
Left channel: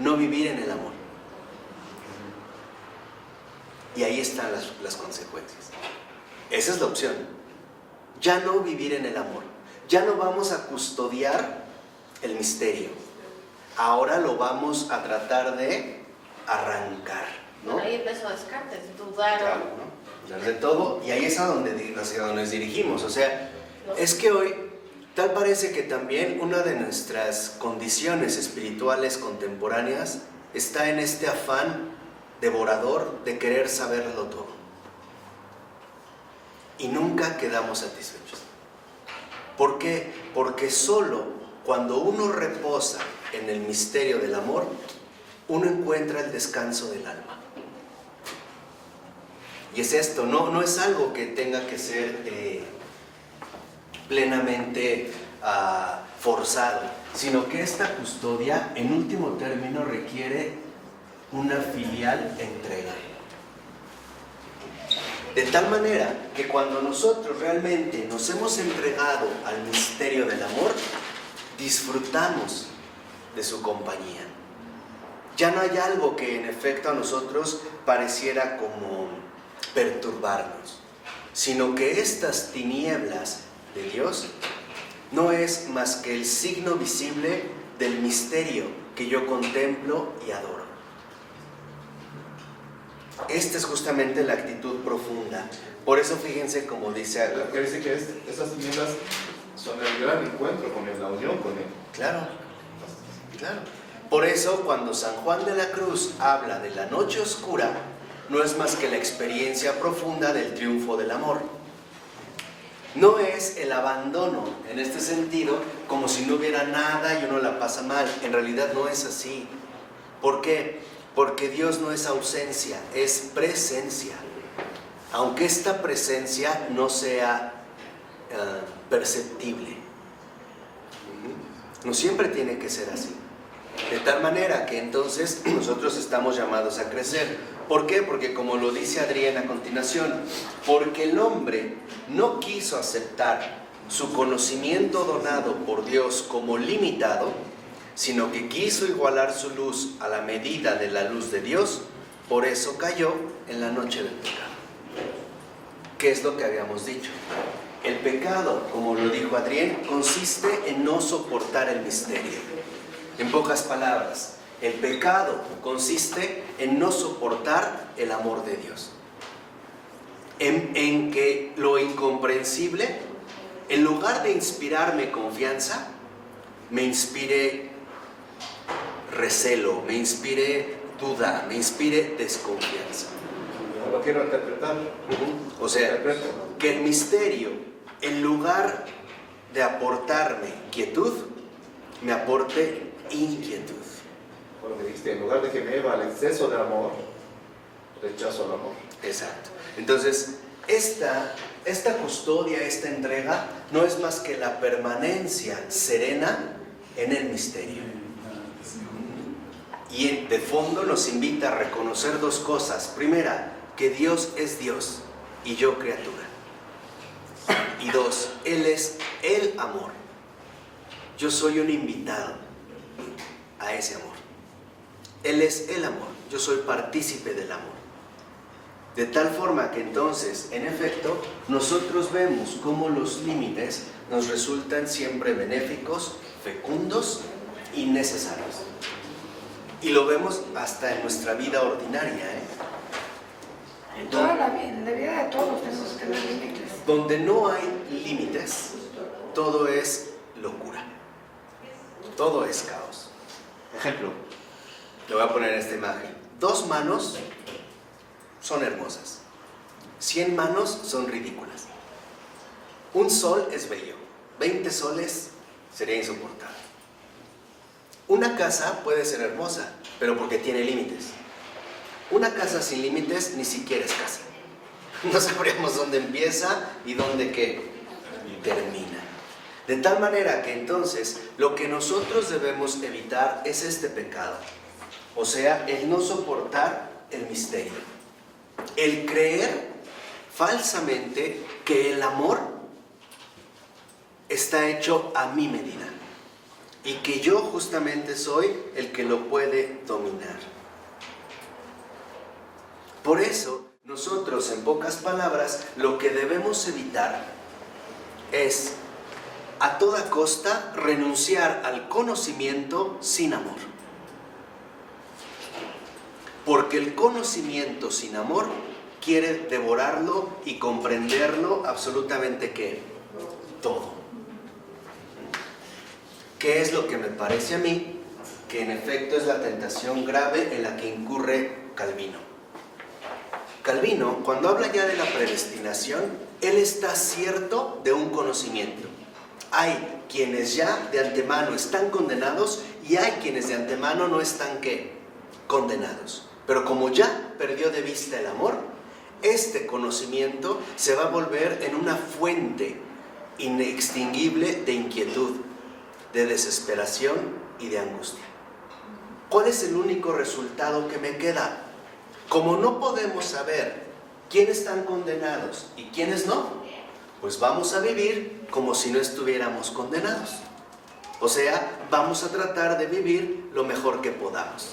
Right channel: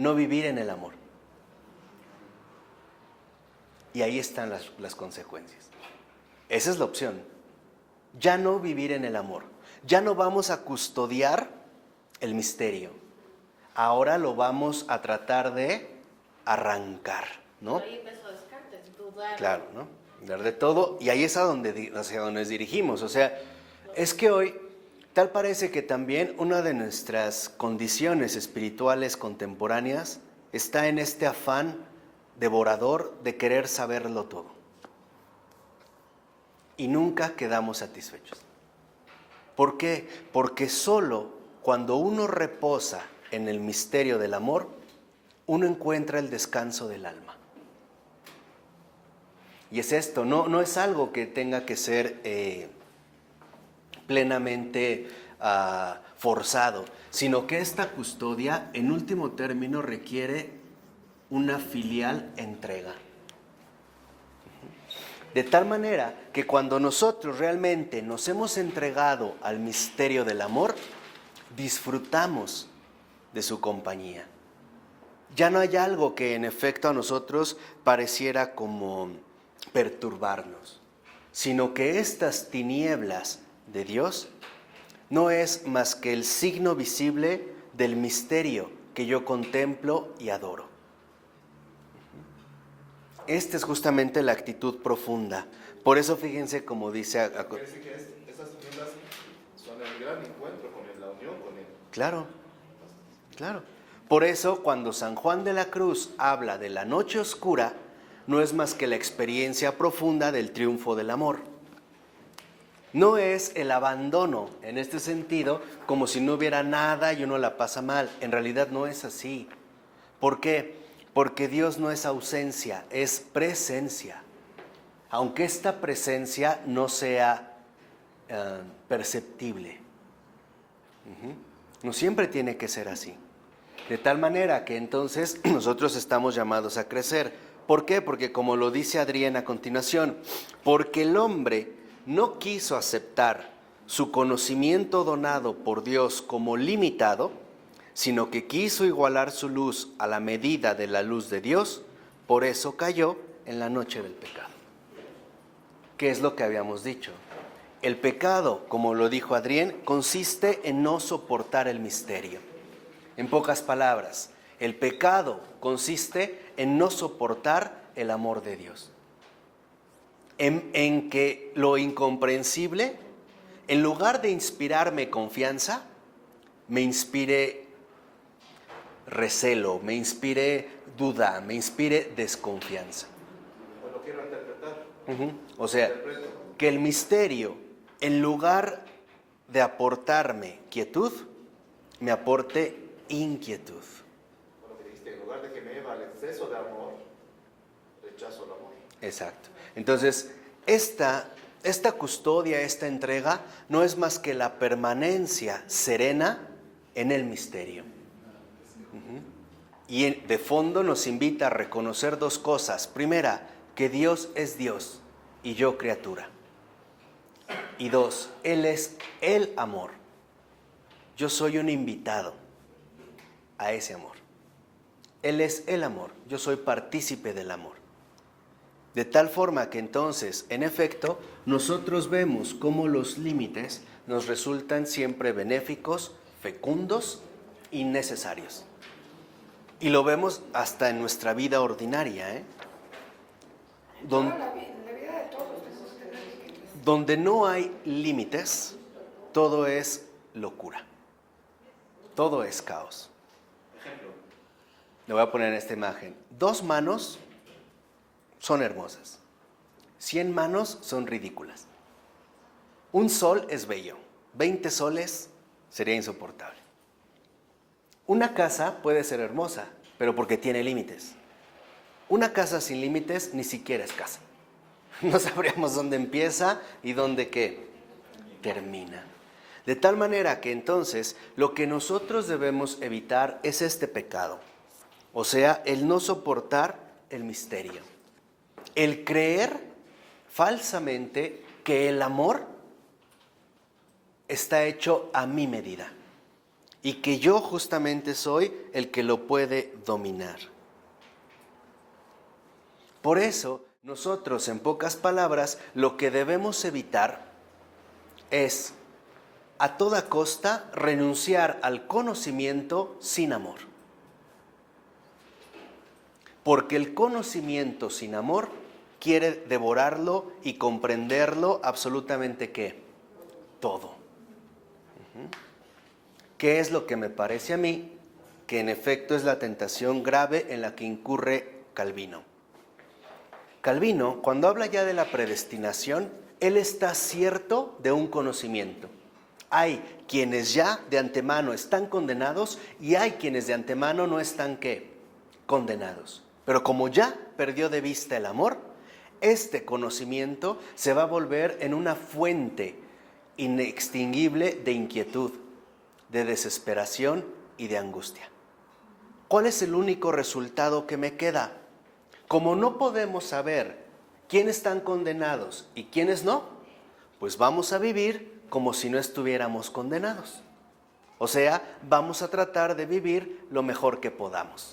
no vivir en el amor. Y ahí están las consecuencias. Esa es la opción. Ya no vivir en el amor. Ya no vamos a custodiar el misterio. Ahora lo vamos a tratar de arrancar, ¿no? Ahí empezó Descartes, dudar. Claro, ¿no? Dudar de todo. Y ahí es hacia donde nos dirigimos. O sea, es que hoy tal parece que también una de nuestras condiciones espirituales contemporáneas está en este afán devorador de querer saberlo todo. Y nunca quedamos satisfechos. ¿Por qué? Porque solo cuando uno reposa en el misterio del amor, uno encuentra el descanso del alma. Y es esto, no es algo que tenga que ser plenamente forzado, sino que esta custodia, en último término, requiere una filial entrega. De tal manera que cuando nosotros realmente nos hemos entregado al misterio del amor, disfrutamos de su compañía. Ya no hay algo que en efecto a nosotros pareciera como perturbarnos, sino que estas tinieblas de Dios no es más que el signo visible del misterio que yo contemplo y adoro. Esta es justamente la actitud profunda. Por eso fíjense como dice acá. Quiere decir que esas tinieblas son el gran encuentro con él, la unión con él. Claro, claro. Por eso cuando San Juan de la Cruz habla de la noche oscura, no es más que la experiencia profunda del triunfo del amor. No es el abandono, en este sentido, como si no hubiera nada y uno la pasa mal. En realidad no es así. ¿Por qué? Porque Dios no es ausencia, es presencia. Aunque esta presencia no sea perceptible. No siempre tiene que ser así. De tal manera que entonces nosotros estamos llamados a crecer. ¿Por qué? Porque como lo dice Adrienne a continuación, porque el hombre no quiso aceptar su conocimiento donado por Dios como limitado, sino que quiso igualar su luz a la medida de la luz de Dios, por eso cayó en la noche del pecado. ¿Qué es lo que habíamos dicho? El pecado, como lo dijo Adrienne, consiste en no soportar el misterio. En pocas palabras, el pecado consiste en no soportar el amor de Dios. En que lo incomprensible, en lugar de inspirarme confianza, me inspire recelo, me inspire duda, me inspire desconfianza. Yo lo quiero interpretar. O sea, que el misterio, en lugar de aportarme quietud, me aporte inquietud. Porque dijiste, en lugar de que me lleve al exceso de amor, rechazo el amor. Exacto. Entonces, esta custodia, esta entrega, no es más que la permanencia serena en el misterio. Y de fondo nos invita a reconocer dos cosas. Primera, que Dios es Dios y yo criatura. Y dos, Él es el amor. Yo soy un invitado a ese amor. Él es el amor. Yo soy partícipe del amor. De tal forma que entonces, en efecto, nosotros vemos cómo los límites nos resultan siempre benéficos, fecundos y necesarios. Y lo vemos hasta en nuestra vida ordinaria, En toda la vida, en la vida de todos tenemos que ver límites. Donde no hay límites, todo es locura. Todo es caos. Ejemplo, le voy a poner esta imagen. 2 manos son hermosas. 100 manos son ridículas. Un sol es bello. 20 soles sería insoportable. Una casa puede ser hermosa, pero porque tiene límites. Una casa sin límites ni siquiera es casa. No sabríamos dónde empieza y dónde ¿qué? Termina. De tal manera que entonces lo que nosotros debemos evitar es este pecado. O sea, el no soportar el misterio. El creer falsamente que el amor está hecho a mi medida. Y que yo justamente soy el que lo puede dominar. Por eso, nosotros, en pocas palabras, lo que debemos evitar es, a toda costa, renunciar al conocimiento sin amor. Porque el conocimiento sin amor quiere devorarlo y comprenderlo absolutamente ¿qué? Todo. ¿Qué es lo que me parece a mí? Que en efecto es la tentación grave en la que incurre Calvino. Calvino, cuando habla ya de la predestinación, él está cierto de un conocimiento. Hay quienes ya de antemano están condenados y hay quienes de antemano no están ¿qué? Condenados. Pero como ya perdió de vista el amor, este conocimiento se va a volver en una fuente inextinguible de inquietud, de desesperación y de angustia. ¿Cuál es el único resultado que me queda? Como no podemos saber quiénes están condenados y quiénes no, pues vamos a vivir como si no estuviéramos condenados. O sea, vamos a tratar de vivir lo mejor que podamos.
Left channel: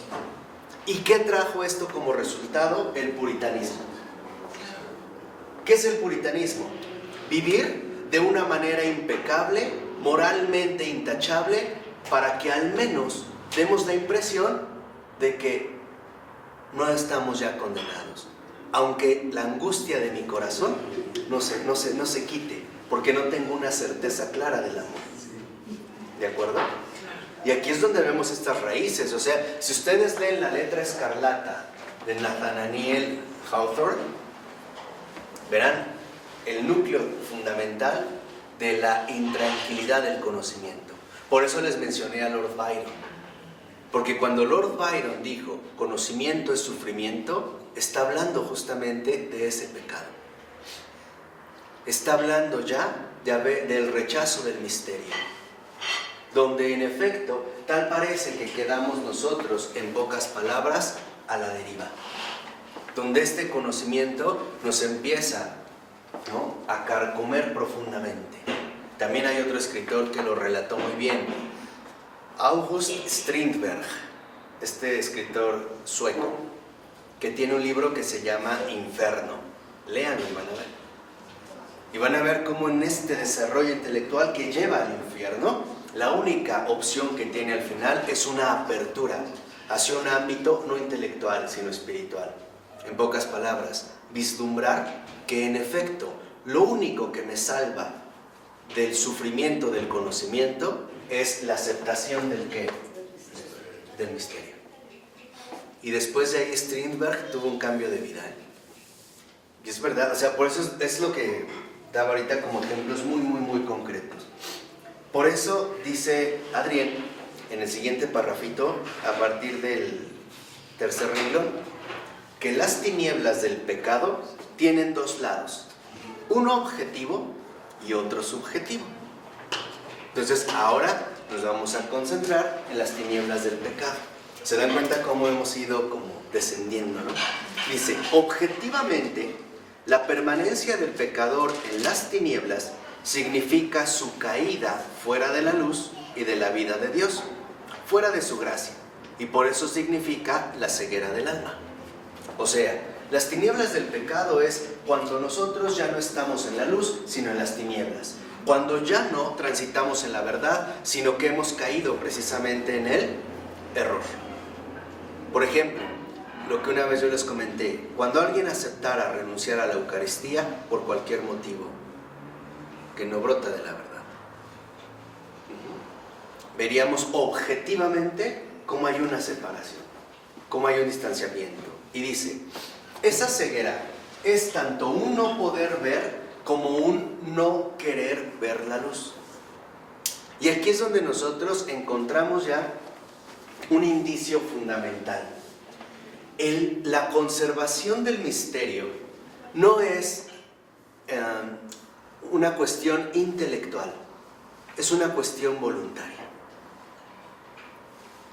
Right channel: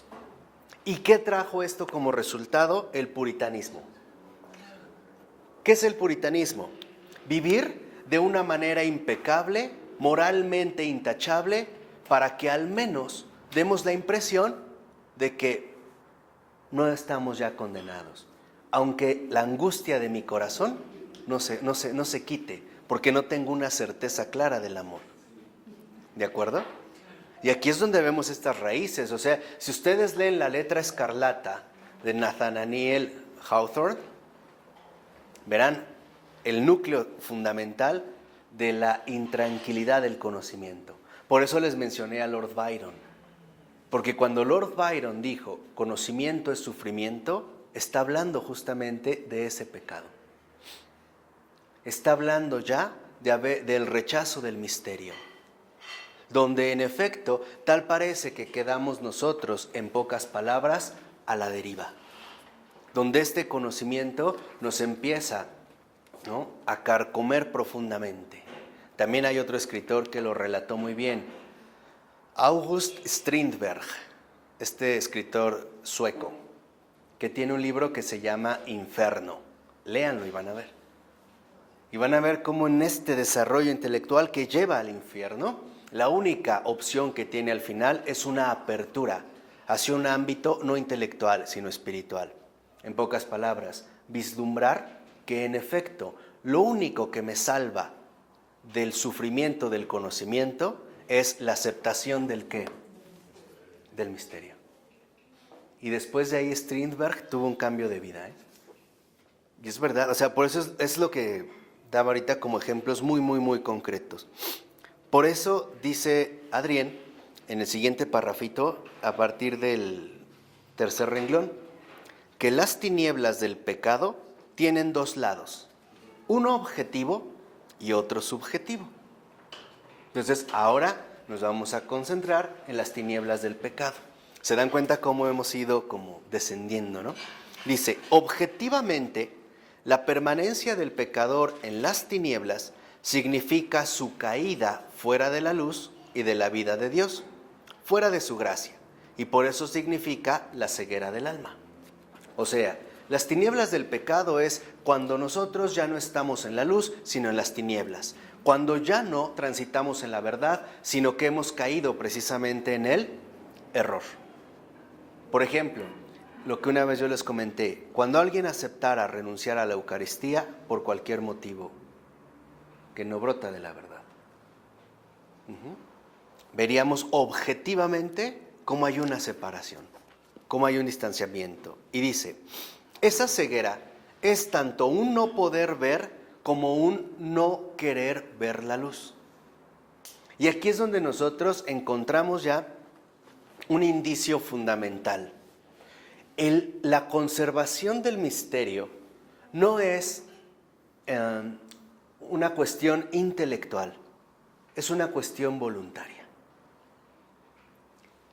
¿Y qué trajo esto como resultado? El puritanismo. ¿Qué es el puritanismo? Vivir de una manera impecable, moralmente intachable, para que al menos demos la impresión de que no estamos ya condenados. Aunque la angustia de mi corazón no se quite, porque no tengo una certeza clara del amor. ¿De acuerdo? Y aquí es donde vemos estas raíces. O sea, si ustedes leen La letra escarlata de Nathaniel Hawthorne, verán el núcleo fundamental de la intranquilidad del conocimiento. Por eso les mencioné a Lord Byron. Porque cuando Lord Byron dijo, conocimiento es sufrimiento, está hablando justamente de ese pecado. Está hablando ya del rechazo del misterio. Donde en efecto, tal parece que quedamos nosotros, en pocas palabras, a la deriva. Donde este conocimiento nos empieza, ¿no?, a carcomer profundamente. También hay otro escritor que lo relató muy bien, August Strindberg, este escritor sueco, que tiene un libro que se llama Inferno. Léanlo y van a ver. Y van a ver cómo en este desarrollo intelectual que lleva al infierno, la única opción que tiene al final es una apertura hacia un ámbito no intelectual, sino espiritual. En pocas palabras, vislumbrar que en efecto lo único que me salva del sufrimiento del conocimiento es la aceptación del ¿qué? Del misterio. Y después de ahí Strindberg tuvo un cambio de vida. Y es verdad, o sea, por eso es lo que daba ahorita como ejemplos muy, muy, muy concretos. Por eso dice Adrián en el siguiente parrafito, a partir del tercer renglón, que las tinieblas del pecado tienen 2 lados, uno objetivo y otro subjetivo. Entonces ahora nos vamos a concentrar en las tinieblas del pecado. ¿Se dan cuenta cómo hemos ido como descendiendo, no? Dice, objetivamente, la permanencia del pecador en las tinieblas significa su caída fuera de la luz y de la vida de Dios, fuera de su gracia, y por eso significa la ceguera del alma. O sea, las tinieblas del pecado es cuando nosotros ya no estamos en la luz, sino en las tinieblas. Cuando ya no transitamos en la verdad, sino que hemos caído precisamente en el error. Por ejemplo, lo que una vez yo les comenté, cuando alguien aceptara renunciar a la Eucaristía por cualquier motivo, que no brota de la verdad, veríamos objetivamente cómo hay una separación, cómo hay un distanciamiento. Y dice, esa ceguera es tanto un no poder ver como un no querer ver la luz. Y aquí es donde nosotros encontramos ya un indicio fundamental. La conservación del misterio no es una cuestión intelectual, es una cuestión voluntaria.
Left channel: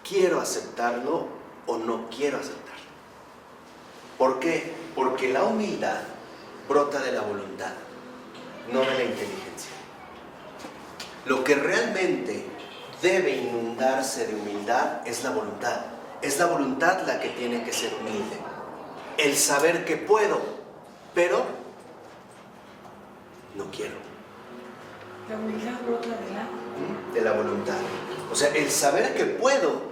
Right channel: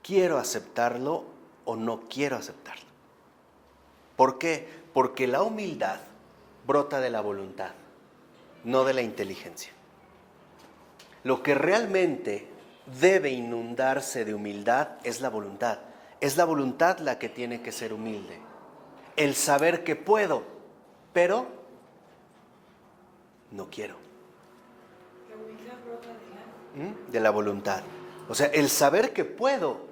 ¿Quiero aceptarlo o no quiero aceptarlo? ¿Por qué? Porque la humildad brota de la voluntad, no de la inteligencia. Lo que realmente debe inundarse de humildad es la voluntad. Es la voluntad la que tiene que ser humilde. El saber que puedo, pero no quiero. La humildad brota De la voluntad. O sea, el saber que puedo,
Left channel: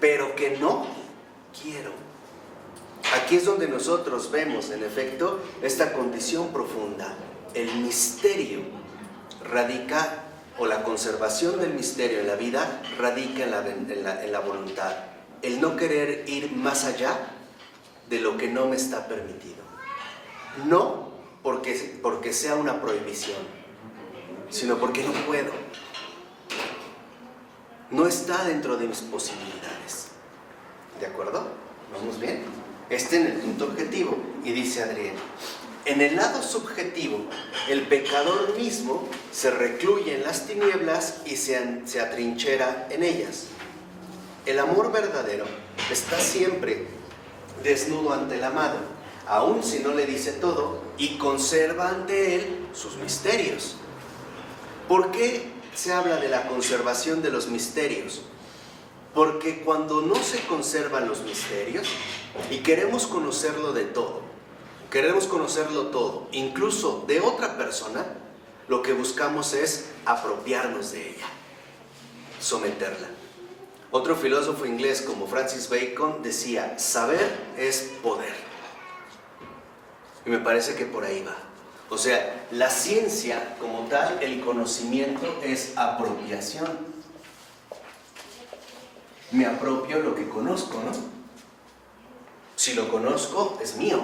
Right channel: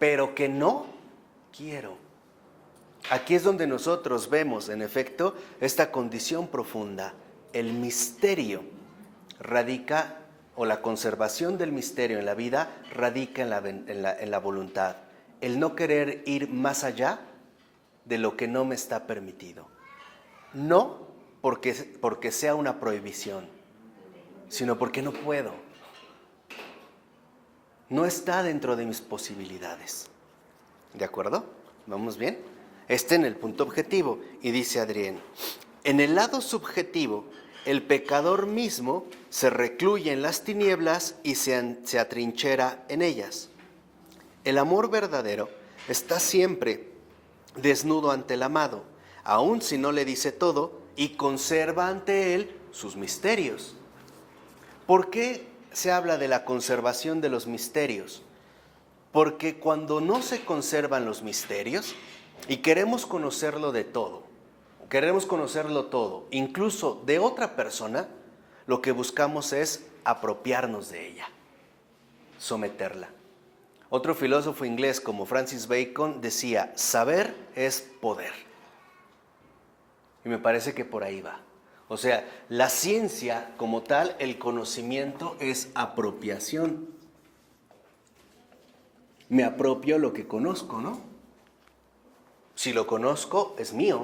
pero que no quiero. Aquí es donde nosotros vemos, en efecto, esta condición profunda. El misterio radica, o la conservación del misterio en la vida, radica en la voluntad. El no querer ir más allá de lo que no me está permitido. No porque sea una prohibición, sino porque no puedo. No está dentro de mis posibilidades. ¿De acuerdo? ¿Vamos bien? En el punto objetivo. Y dice Adrián, en el lado subjetivo, el pecador mismo se recluye en las tinieblas y se atrinchera en ellas. El amor verdadero está siempre desnudo ante el amado, aun si no le dice todo, y conserva ante él sus misterios. ¿Por qué se habla de la conservación de los misterios? Porque cuando no se conservan los misterios y queremos conocerlo de todo, queremos conocerlo todo, incluso de otra persona, lo que buscamos es apropiarnos de ella, someterla. Otro filósofo inglés como Francis Bacon decía, saber es poder. Y me parece que por ahí va. O sea, la ciencia como tal, el conocimiento es apropiación. Me apropio lo que conozco, ¿no? Si lo conozco, es mío.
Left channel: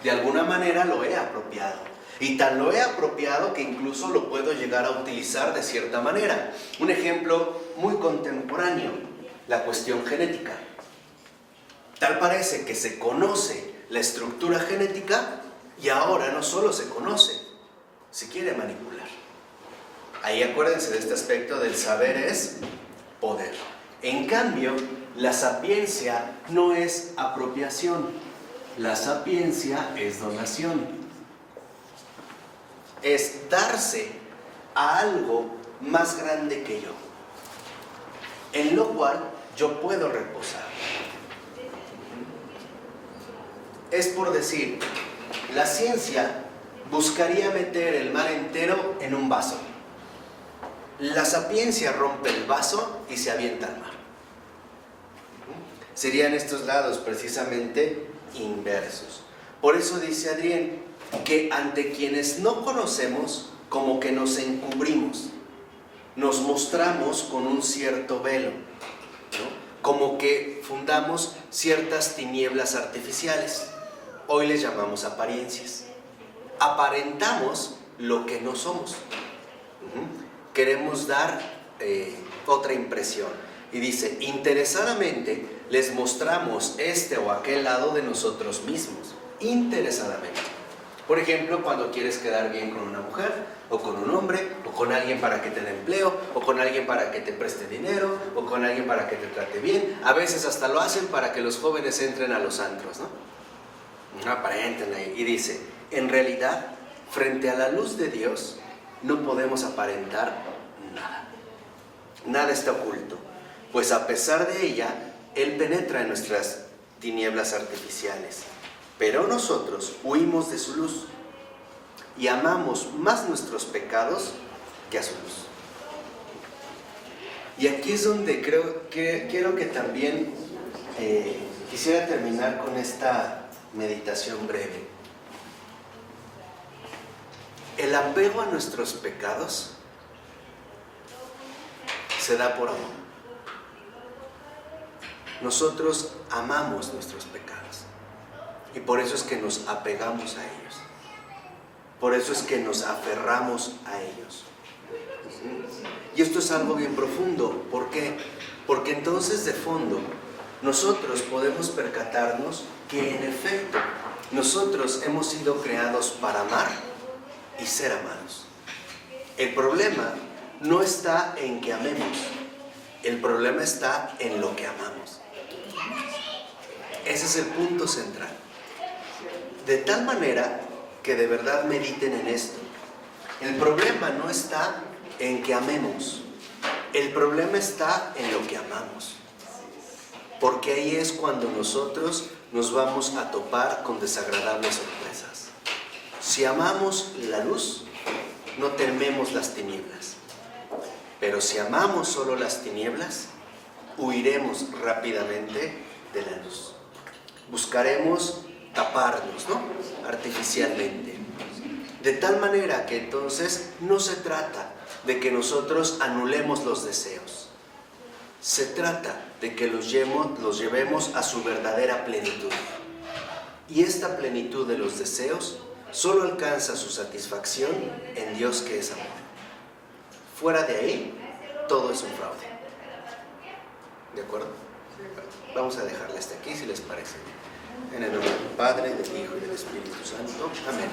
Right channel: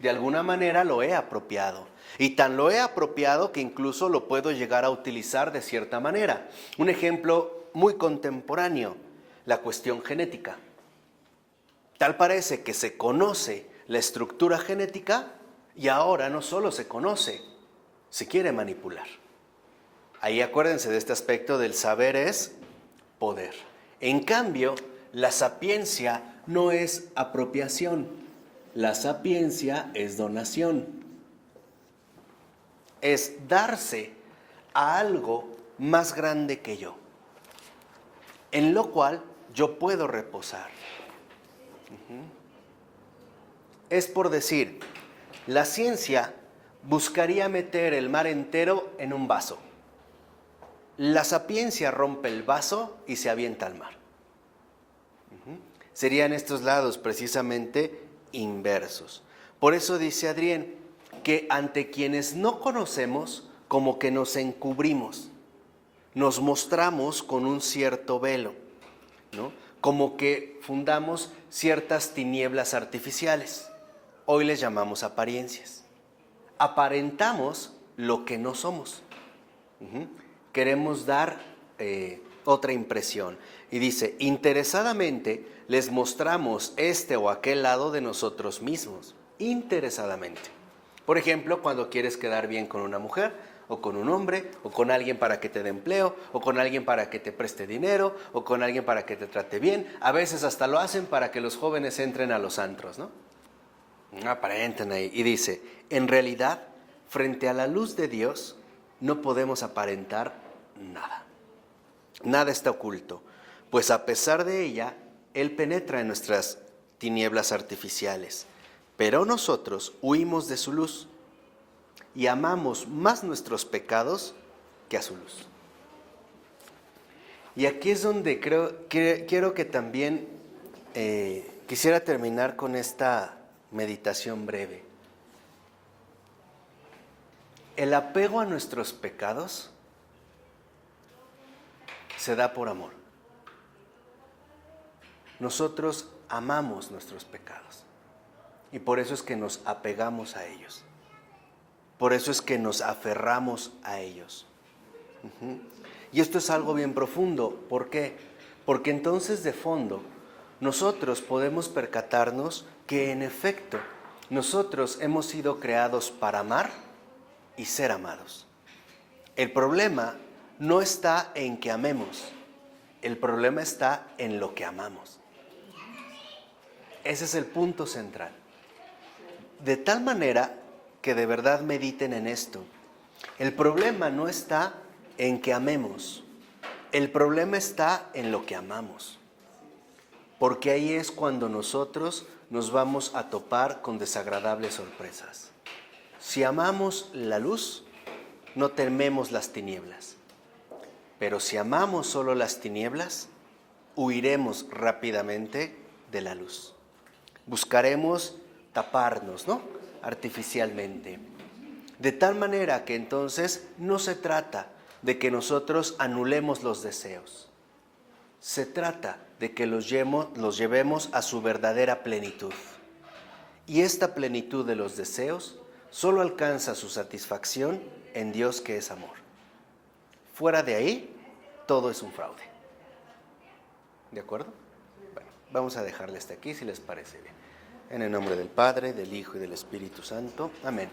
De alguna manera lo he apropiado. Y tan lo he apropiado que incluso lo puedo llegar a utilizar de cierta manera. Un ejemplo muy contemporáneo, la cuestión genética. Tal parece que se conoce la estructura genética y ahora no solo se conoce, se quiere manipular. Ahí acuérdense de este aspecto del saber es poder. En cambio, la sapiencia no es apropiación, la sapiencia es donación. Es darse a algo más grande que yo, en lo cual yo puedo reposar. Es por decir, la ciencia buscaría meter el mar entero en un vaso. La sapiencia rompe el vaso y se avienta al mar. Serían estos lados precisamente inversos. Por eso dice Adrián que ante quienes no conocemos, como que nos encubrimos, nos mostramos con un cierto velo, ¿no? Como que fundamos ciertas tinieblas artificiales. Hoy les llamamos apariencias. Aparentamos lo que no somos. Queremos dar otra impresión. Y dice, interesadamente les mostramos este o aquel lado de nosotros mismos. Interesadamente. Por ejemplo, cuando quieres quedar bien con una mujer, o con un hombre, o con alguien para que te dé empleo, o con alguien para que te preste dinero, o con alguien para que te trate bien. A veces hasta lo hacen para que los jóvenes entren a los antros, ¿no? Aparenten ahí. Y dice, en realidad, frente a la luz de Dios, no podemos aparentar nada. Nada está oculto, pues a pesar de ella, Él penetra en nuestras tinieblas artificiales. Pero nosotros huimos de su luz y amamos más nuestros pecados que a su luz. Y aquí es donde quiero que también quisiera terminar con esta meditación breve. El apego a nuestros pecados se da por amor. nosotros amamos nuestros pecados. Y por eso es que nos apegamos a ellos. Por eso es que nos aferramos a ellos. Y esto es algo bien profundo. ¿Por qué? Porque entonces de fondo nosotros podemos percatarnos que en efecto nosotros hemos sido creados para amar y ser amados. El problema no está en que amemos, el problema está en lo que amamos. Ese es el punto central. De tal manera que de verdad mediten en esto. El problema no está en que amemos, el problema está en lo que amamos. Porque ahí es cuando nosotros nos vamos a topar con desagradables sorpresas. Si amamos la luz, no tememos las tinieblas. Pero si amamos solo las tinieblas, huiremos rápidamente de la luz. Buscaremos taparnos, ¿no? Artificialmente. De tal manera que entonces no se trata de que nosotros anulemos los deseos. Se trata de que los llevemos a su verdadera plenitud. Y esta plenitud de los deseos solo alcanza su satisfacción en Dios, que es amor. Fuera de ahí, todo es un fraude. ¿De acuerdo? Bueno, vamos a dejarle hasta aquí, si les parece bien. En el nombre del Padre, del Hijo y del Espíritu Santo. Amén.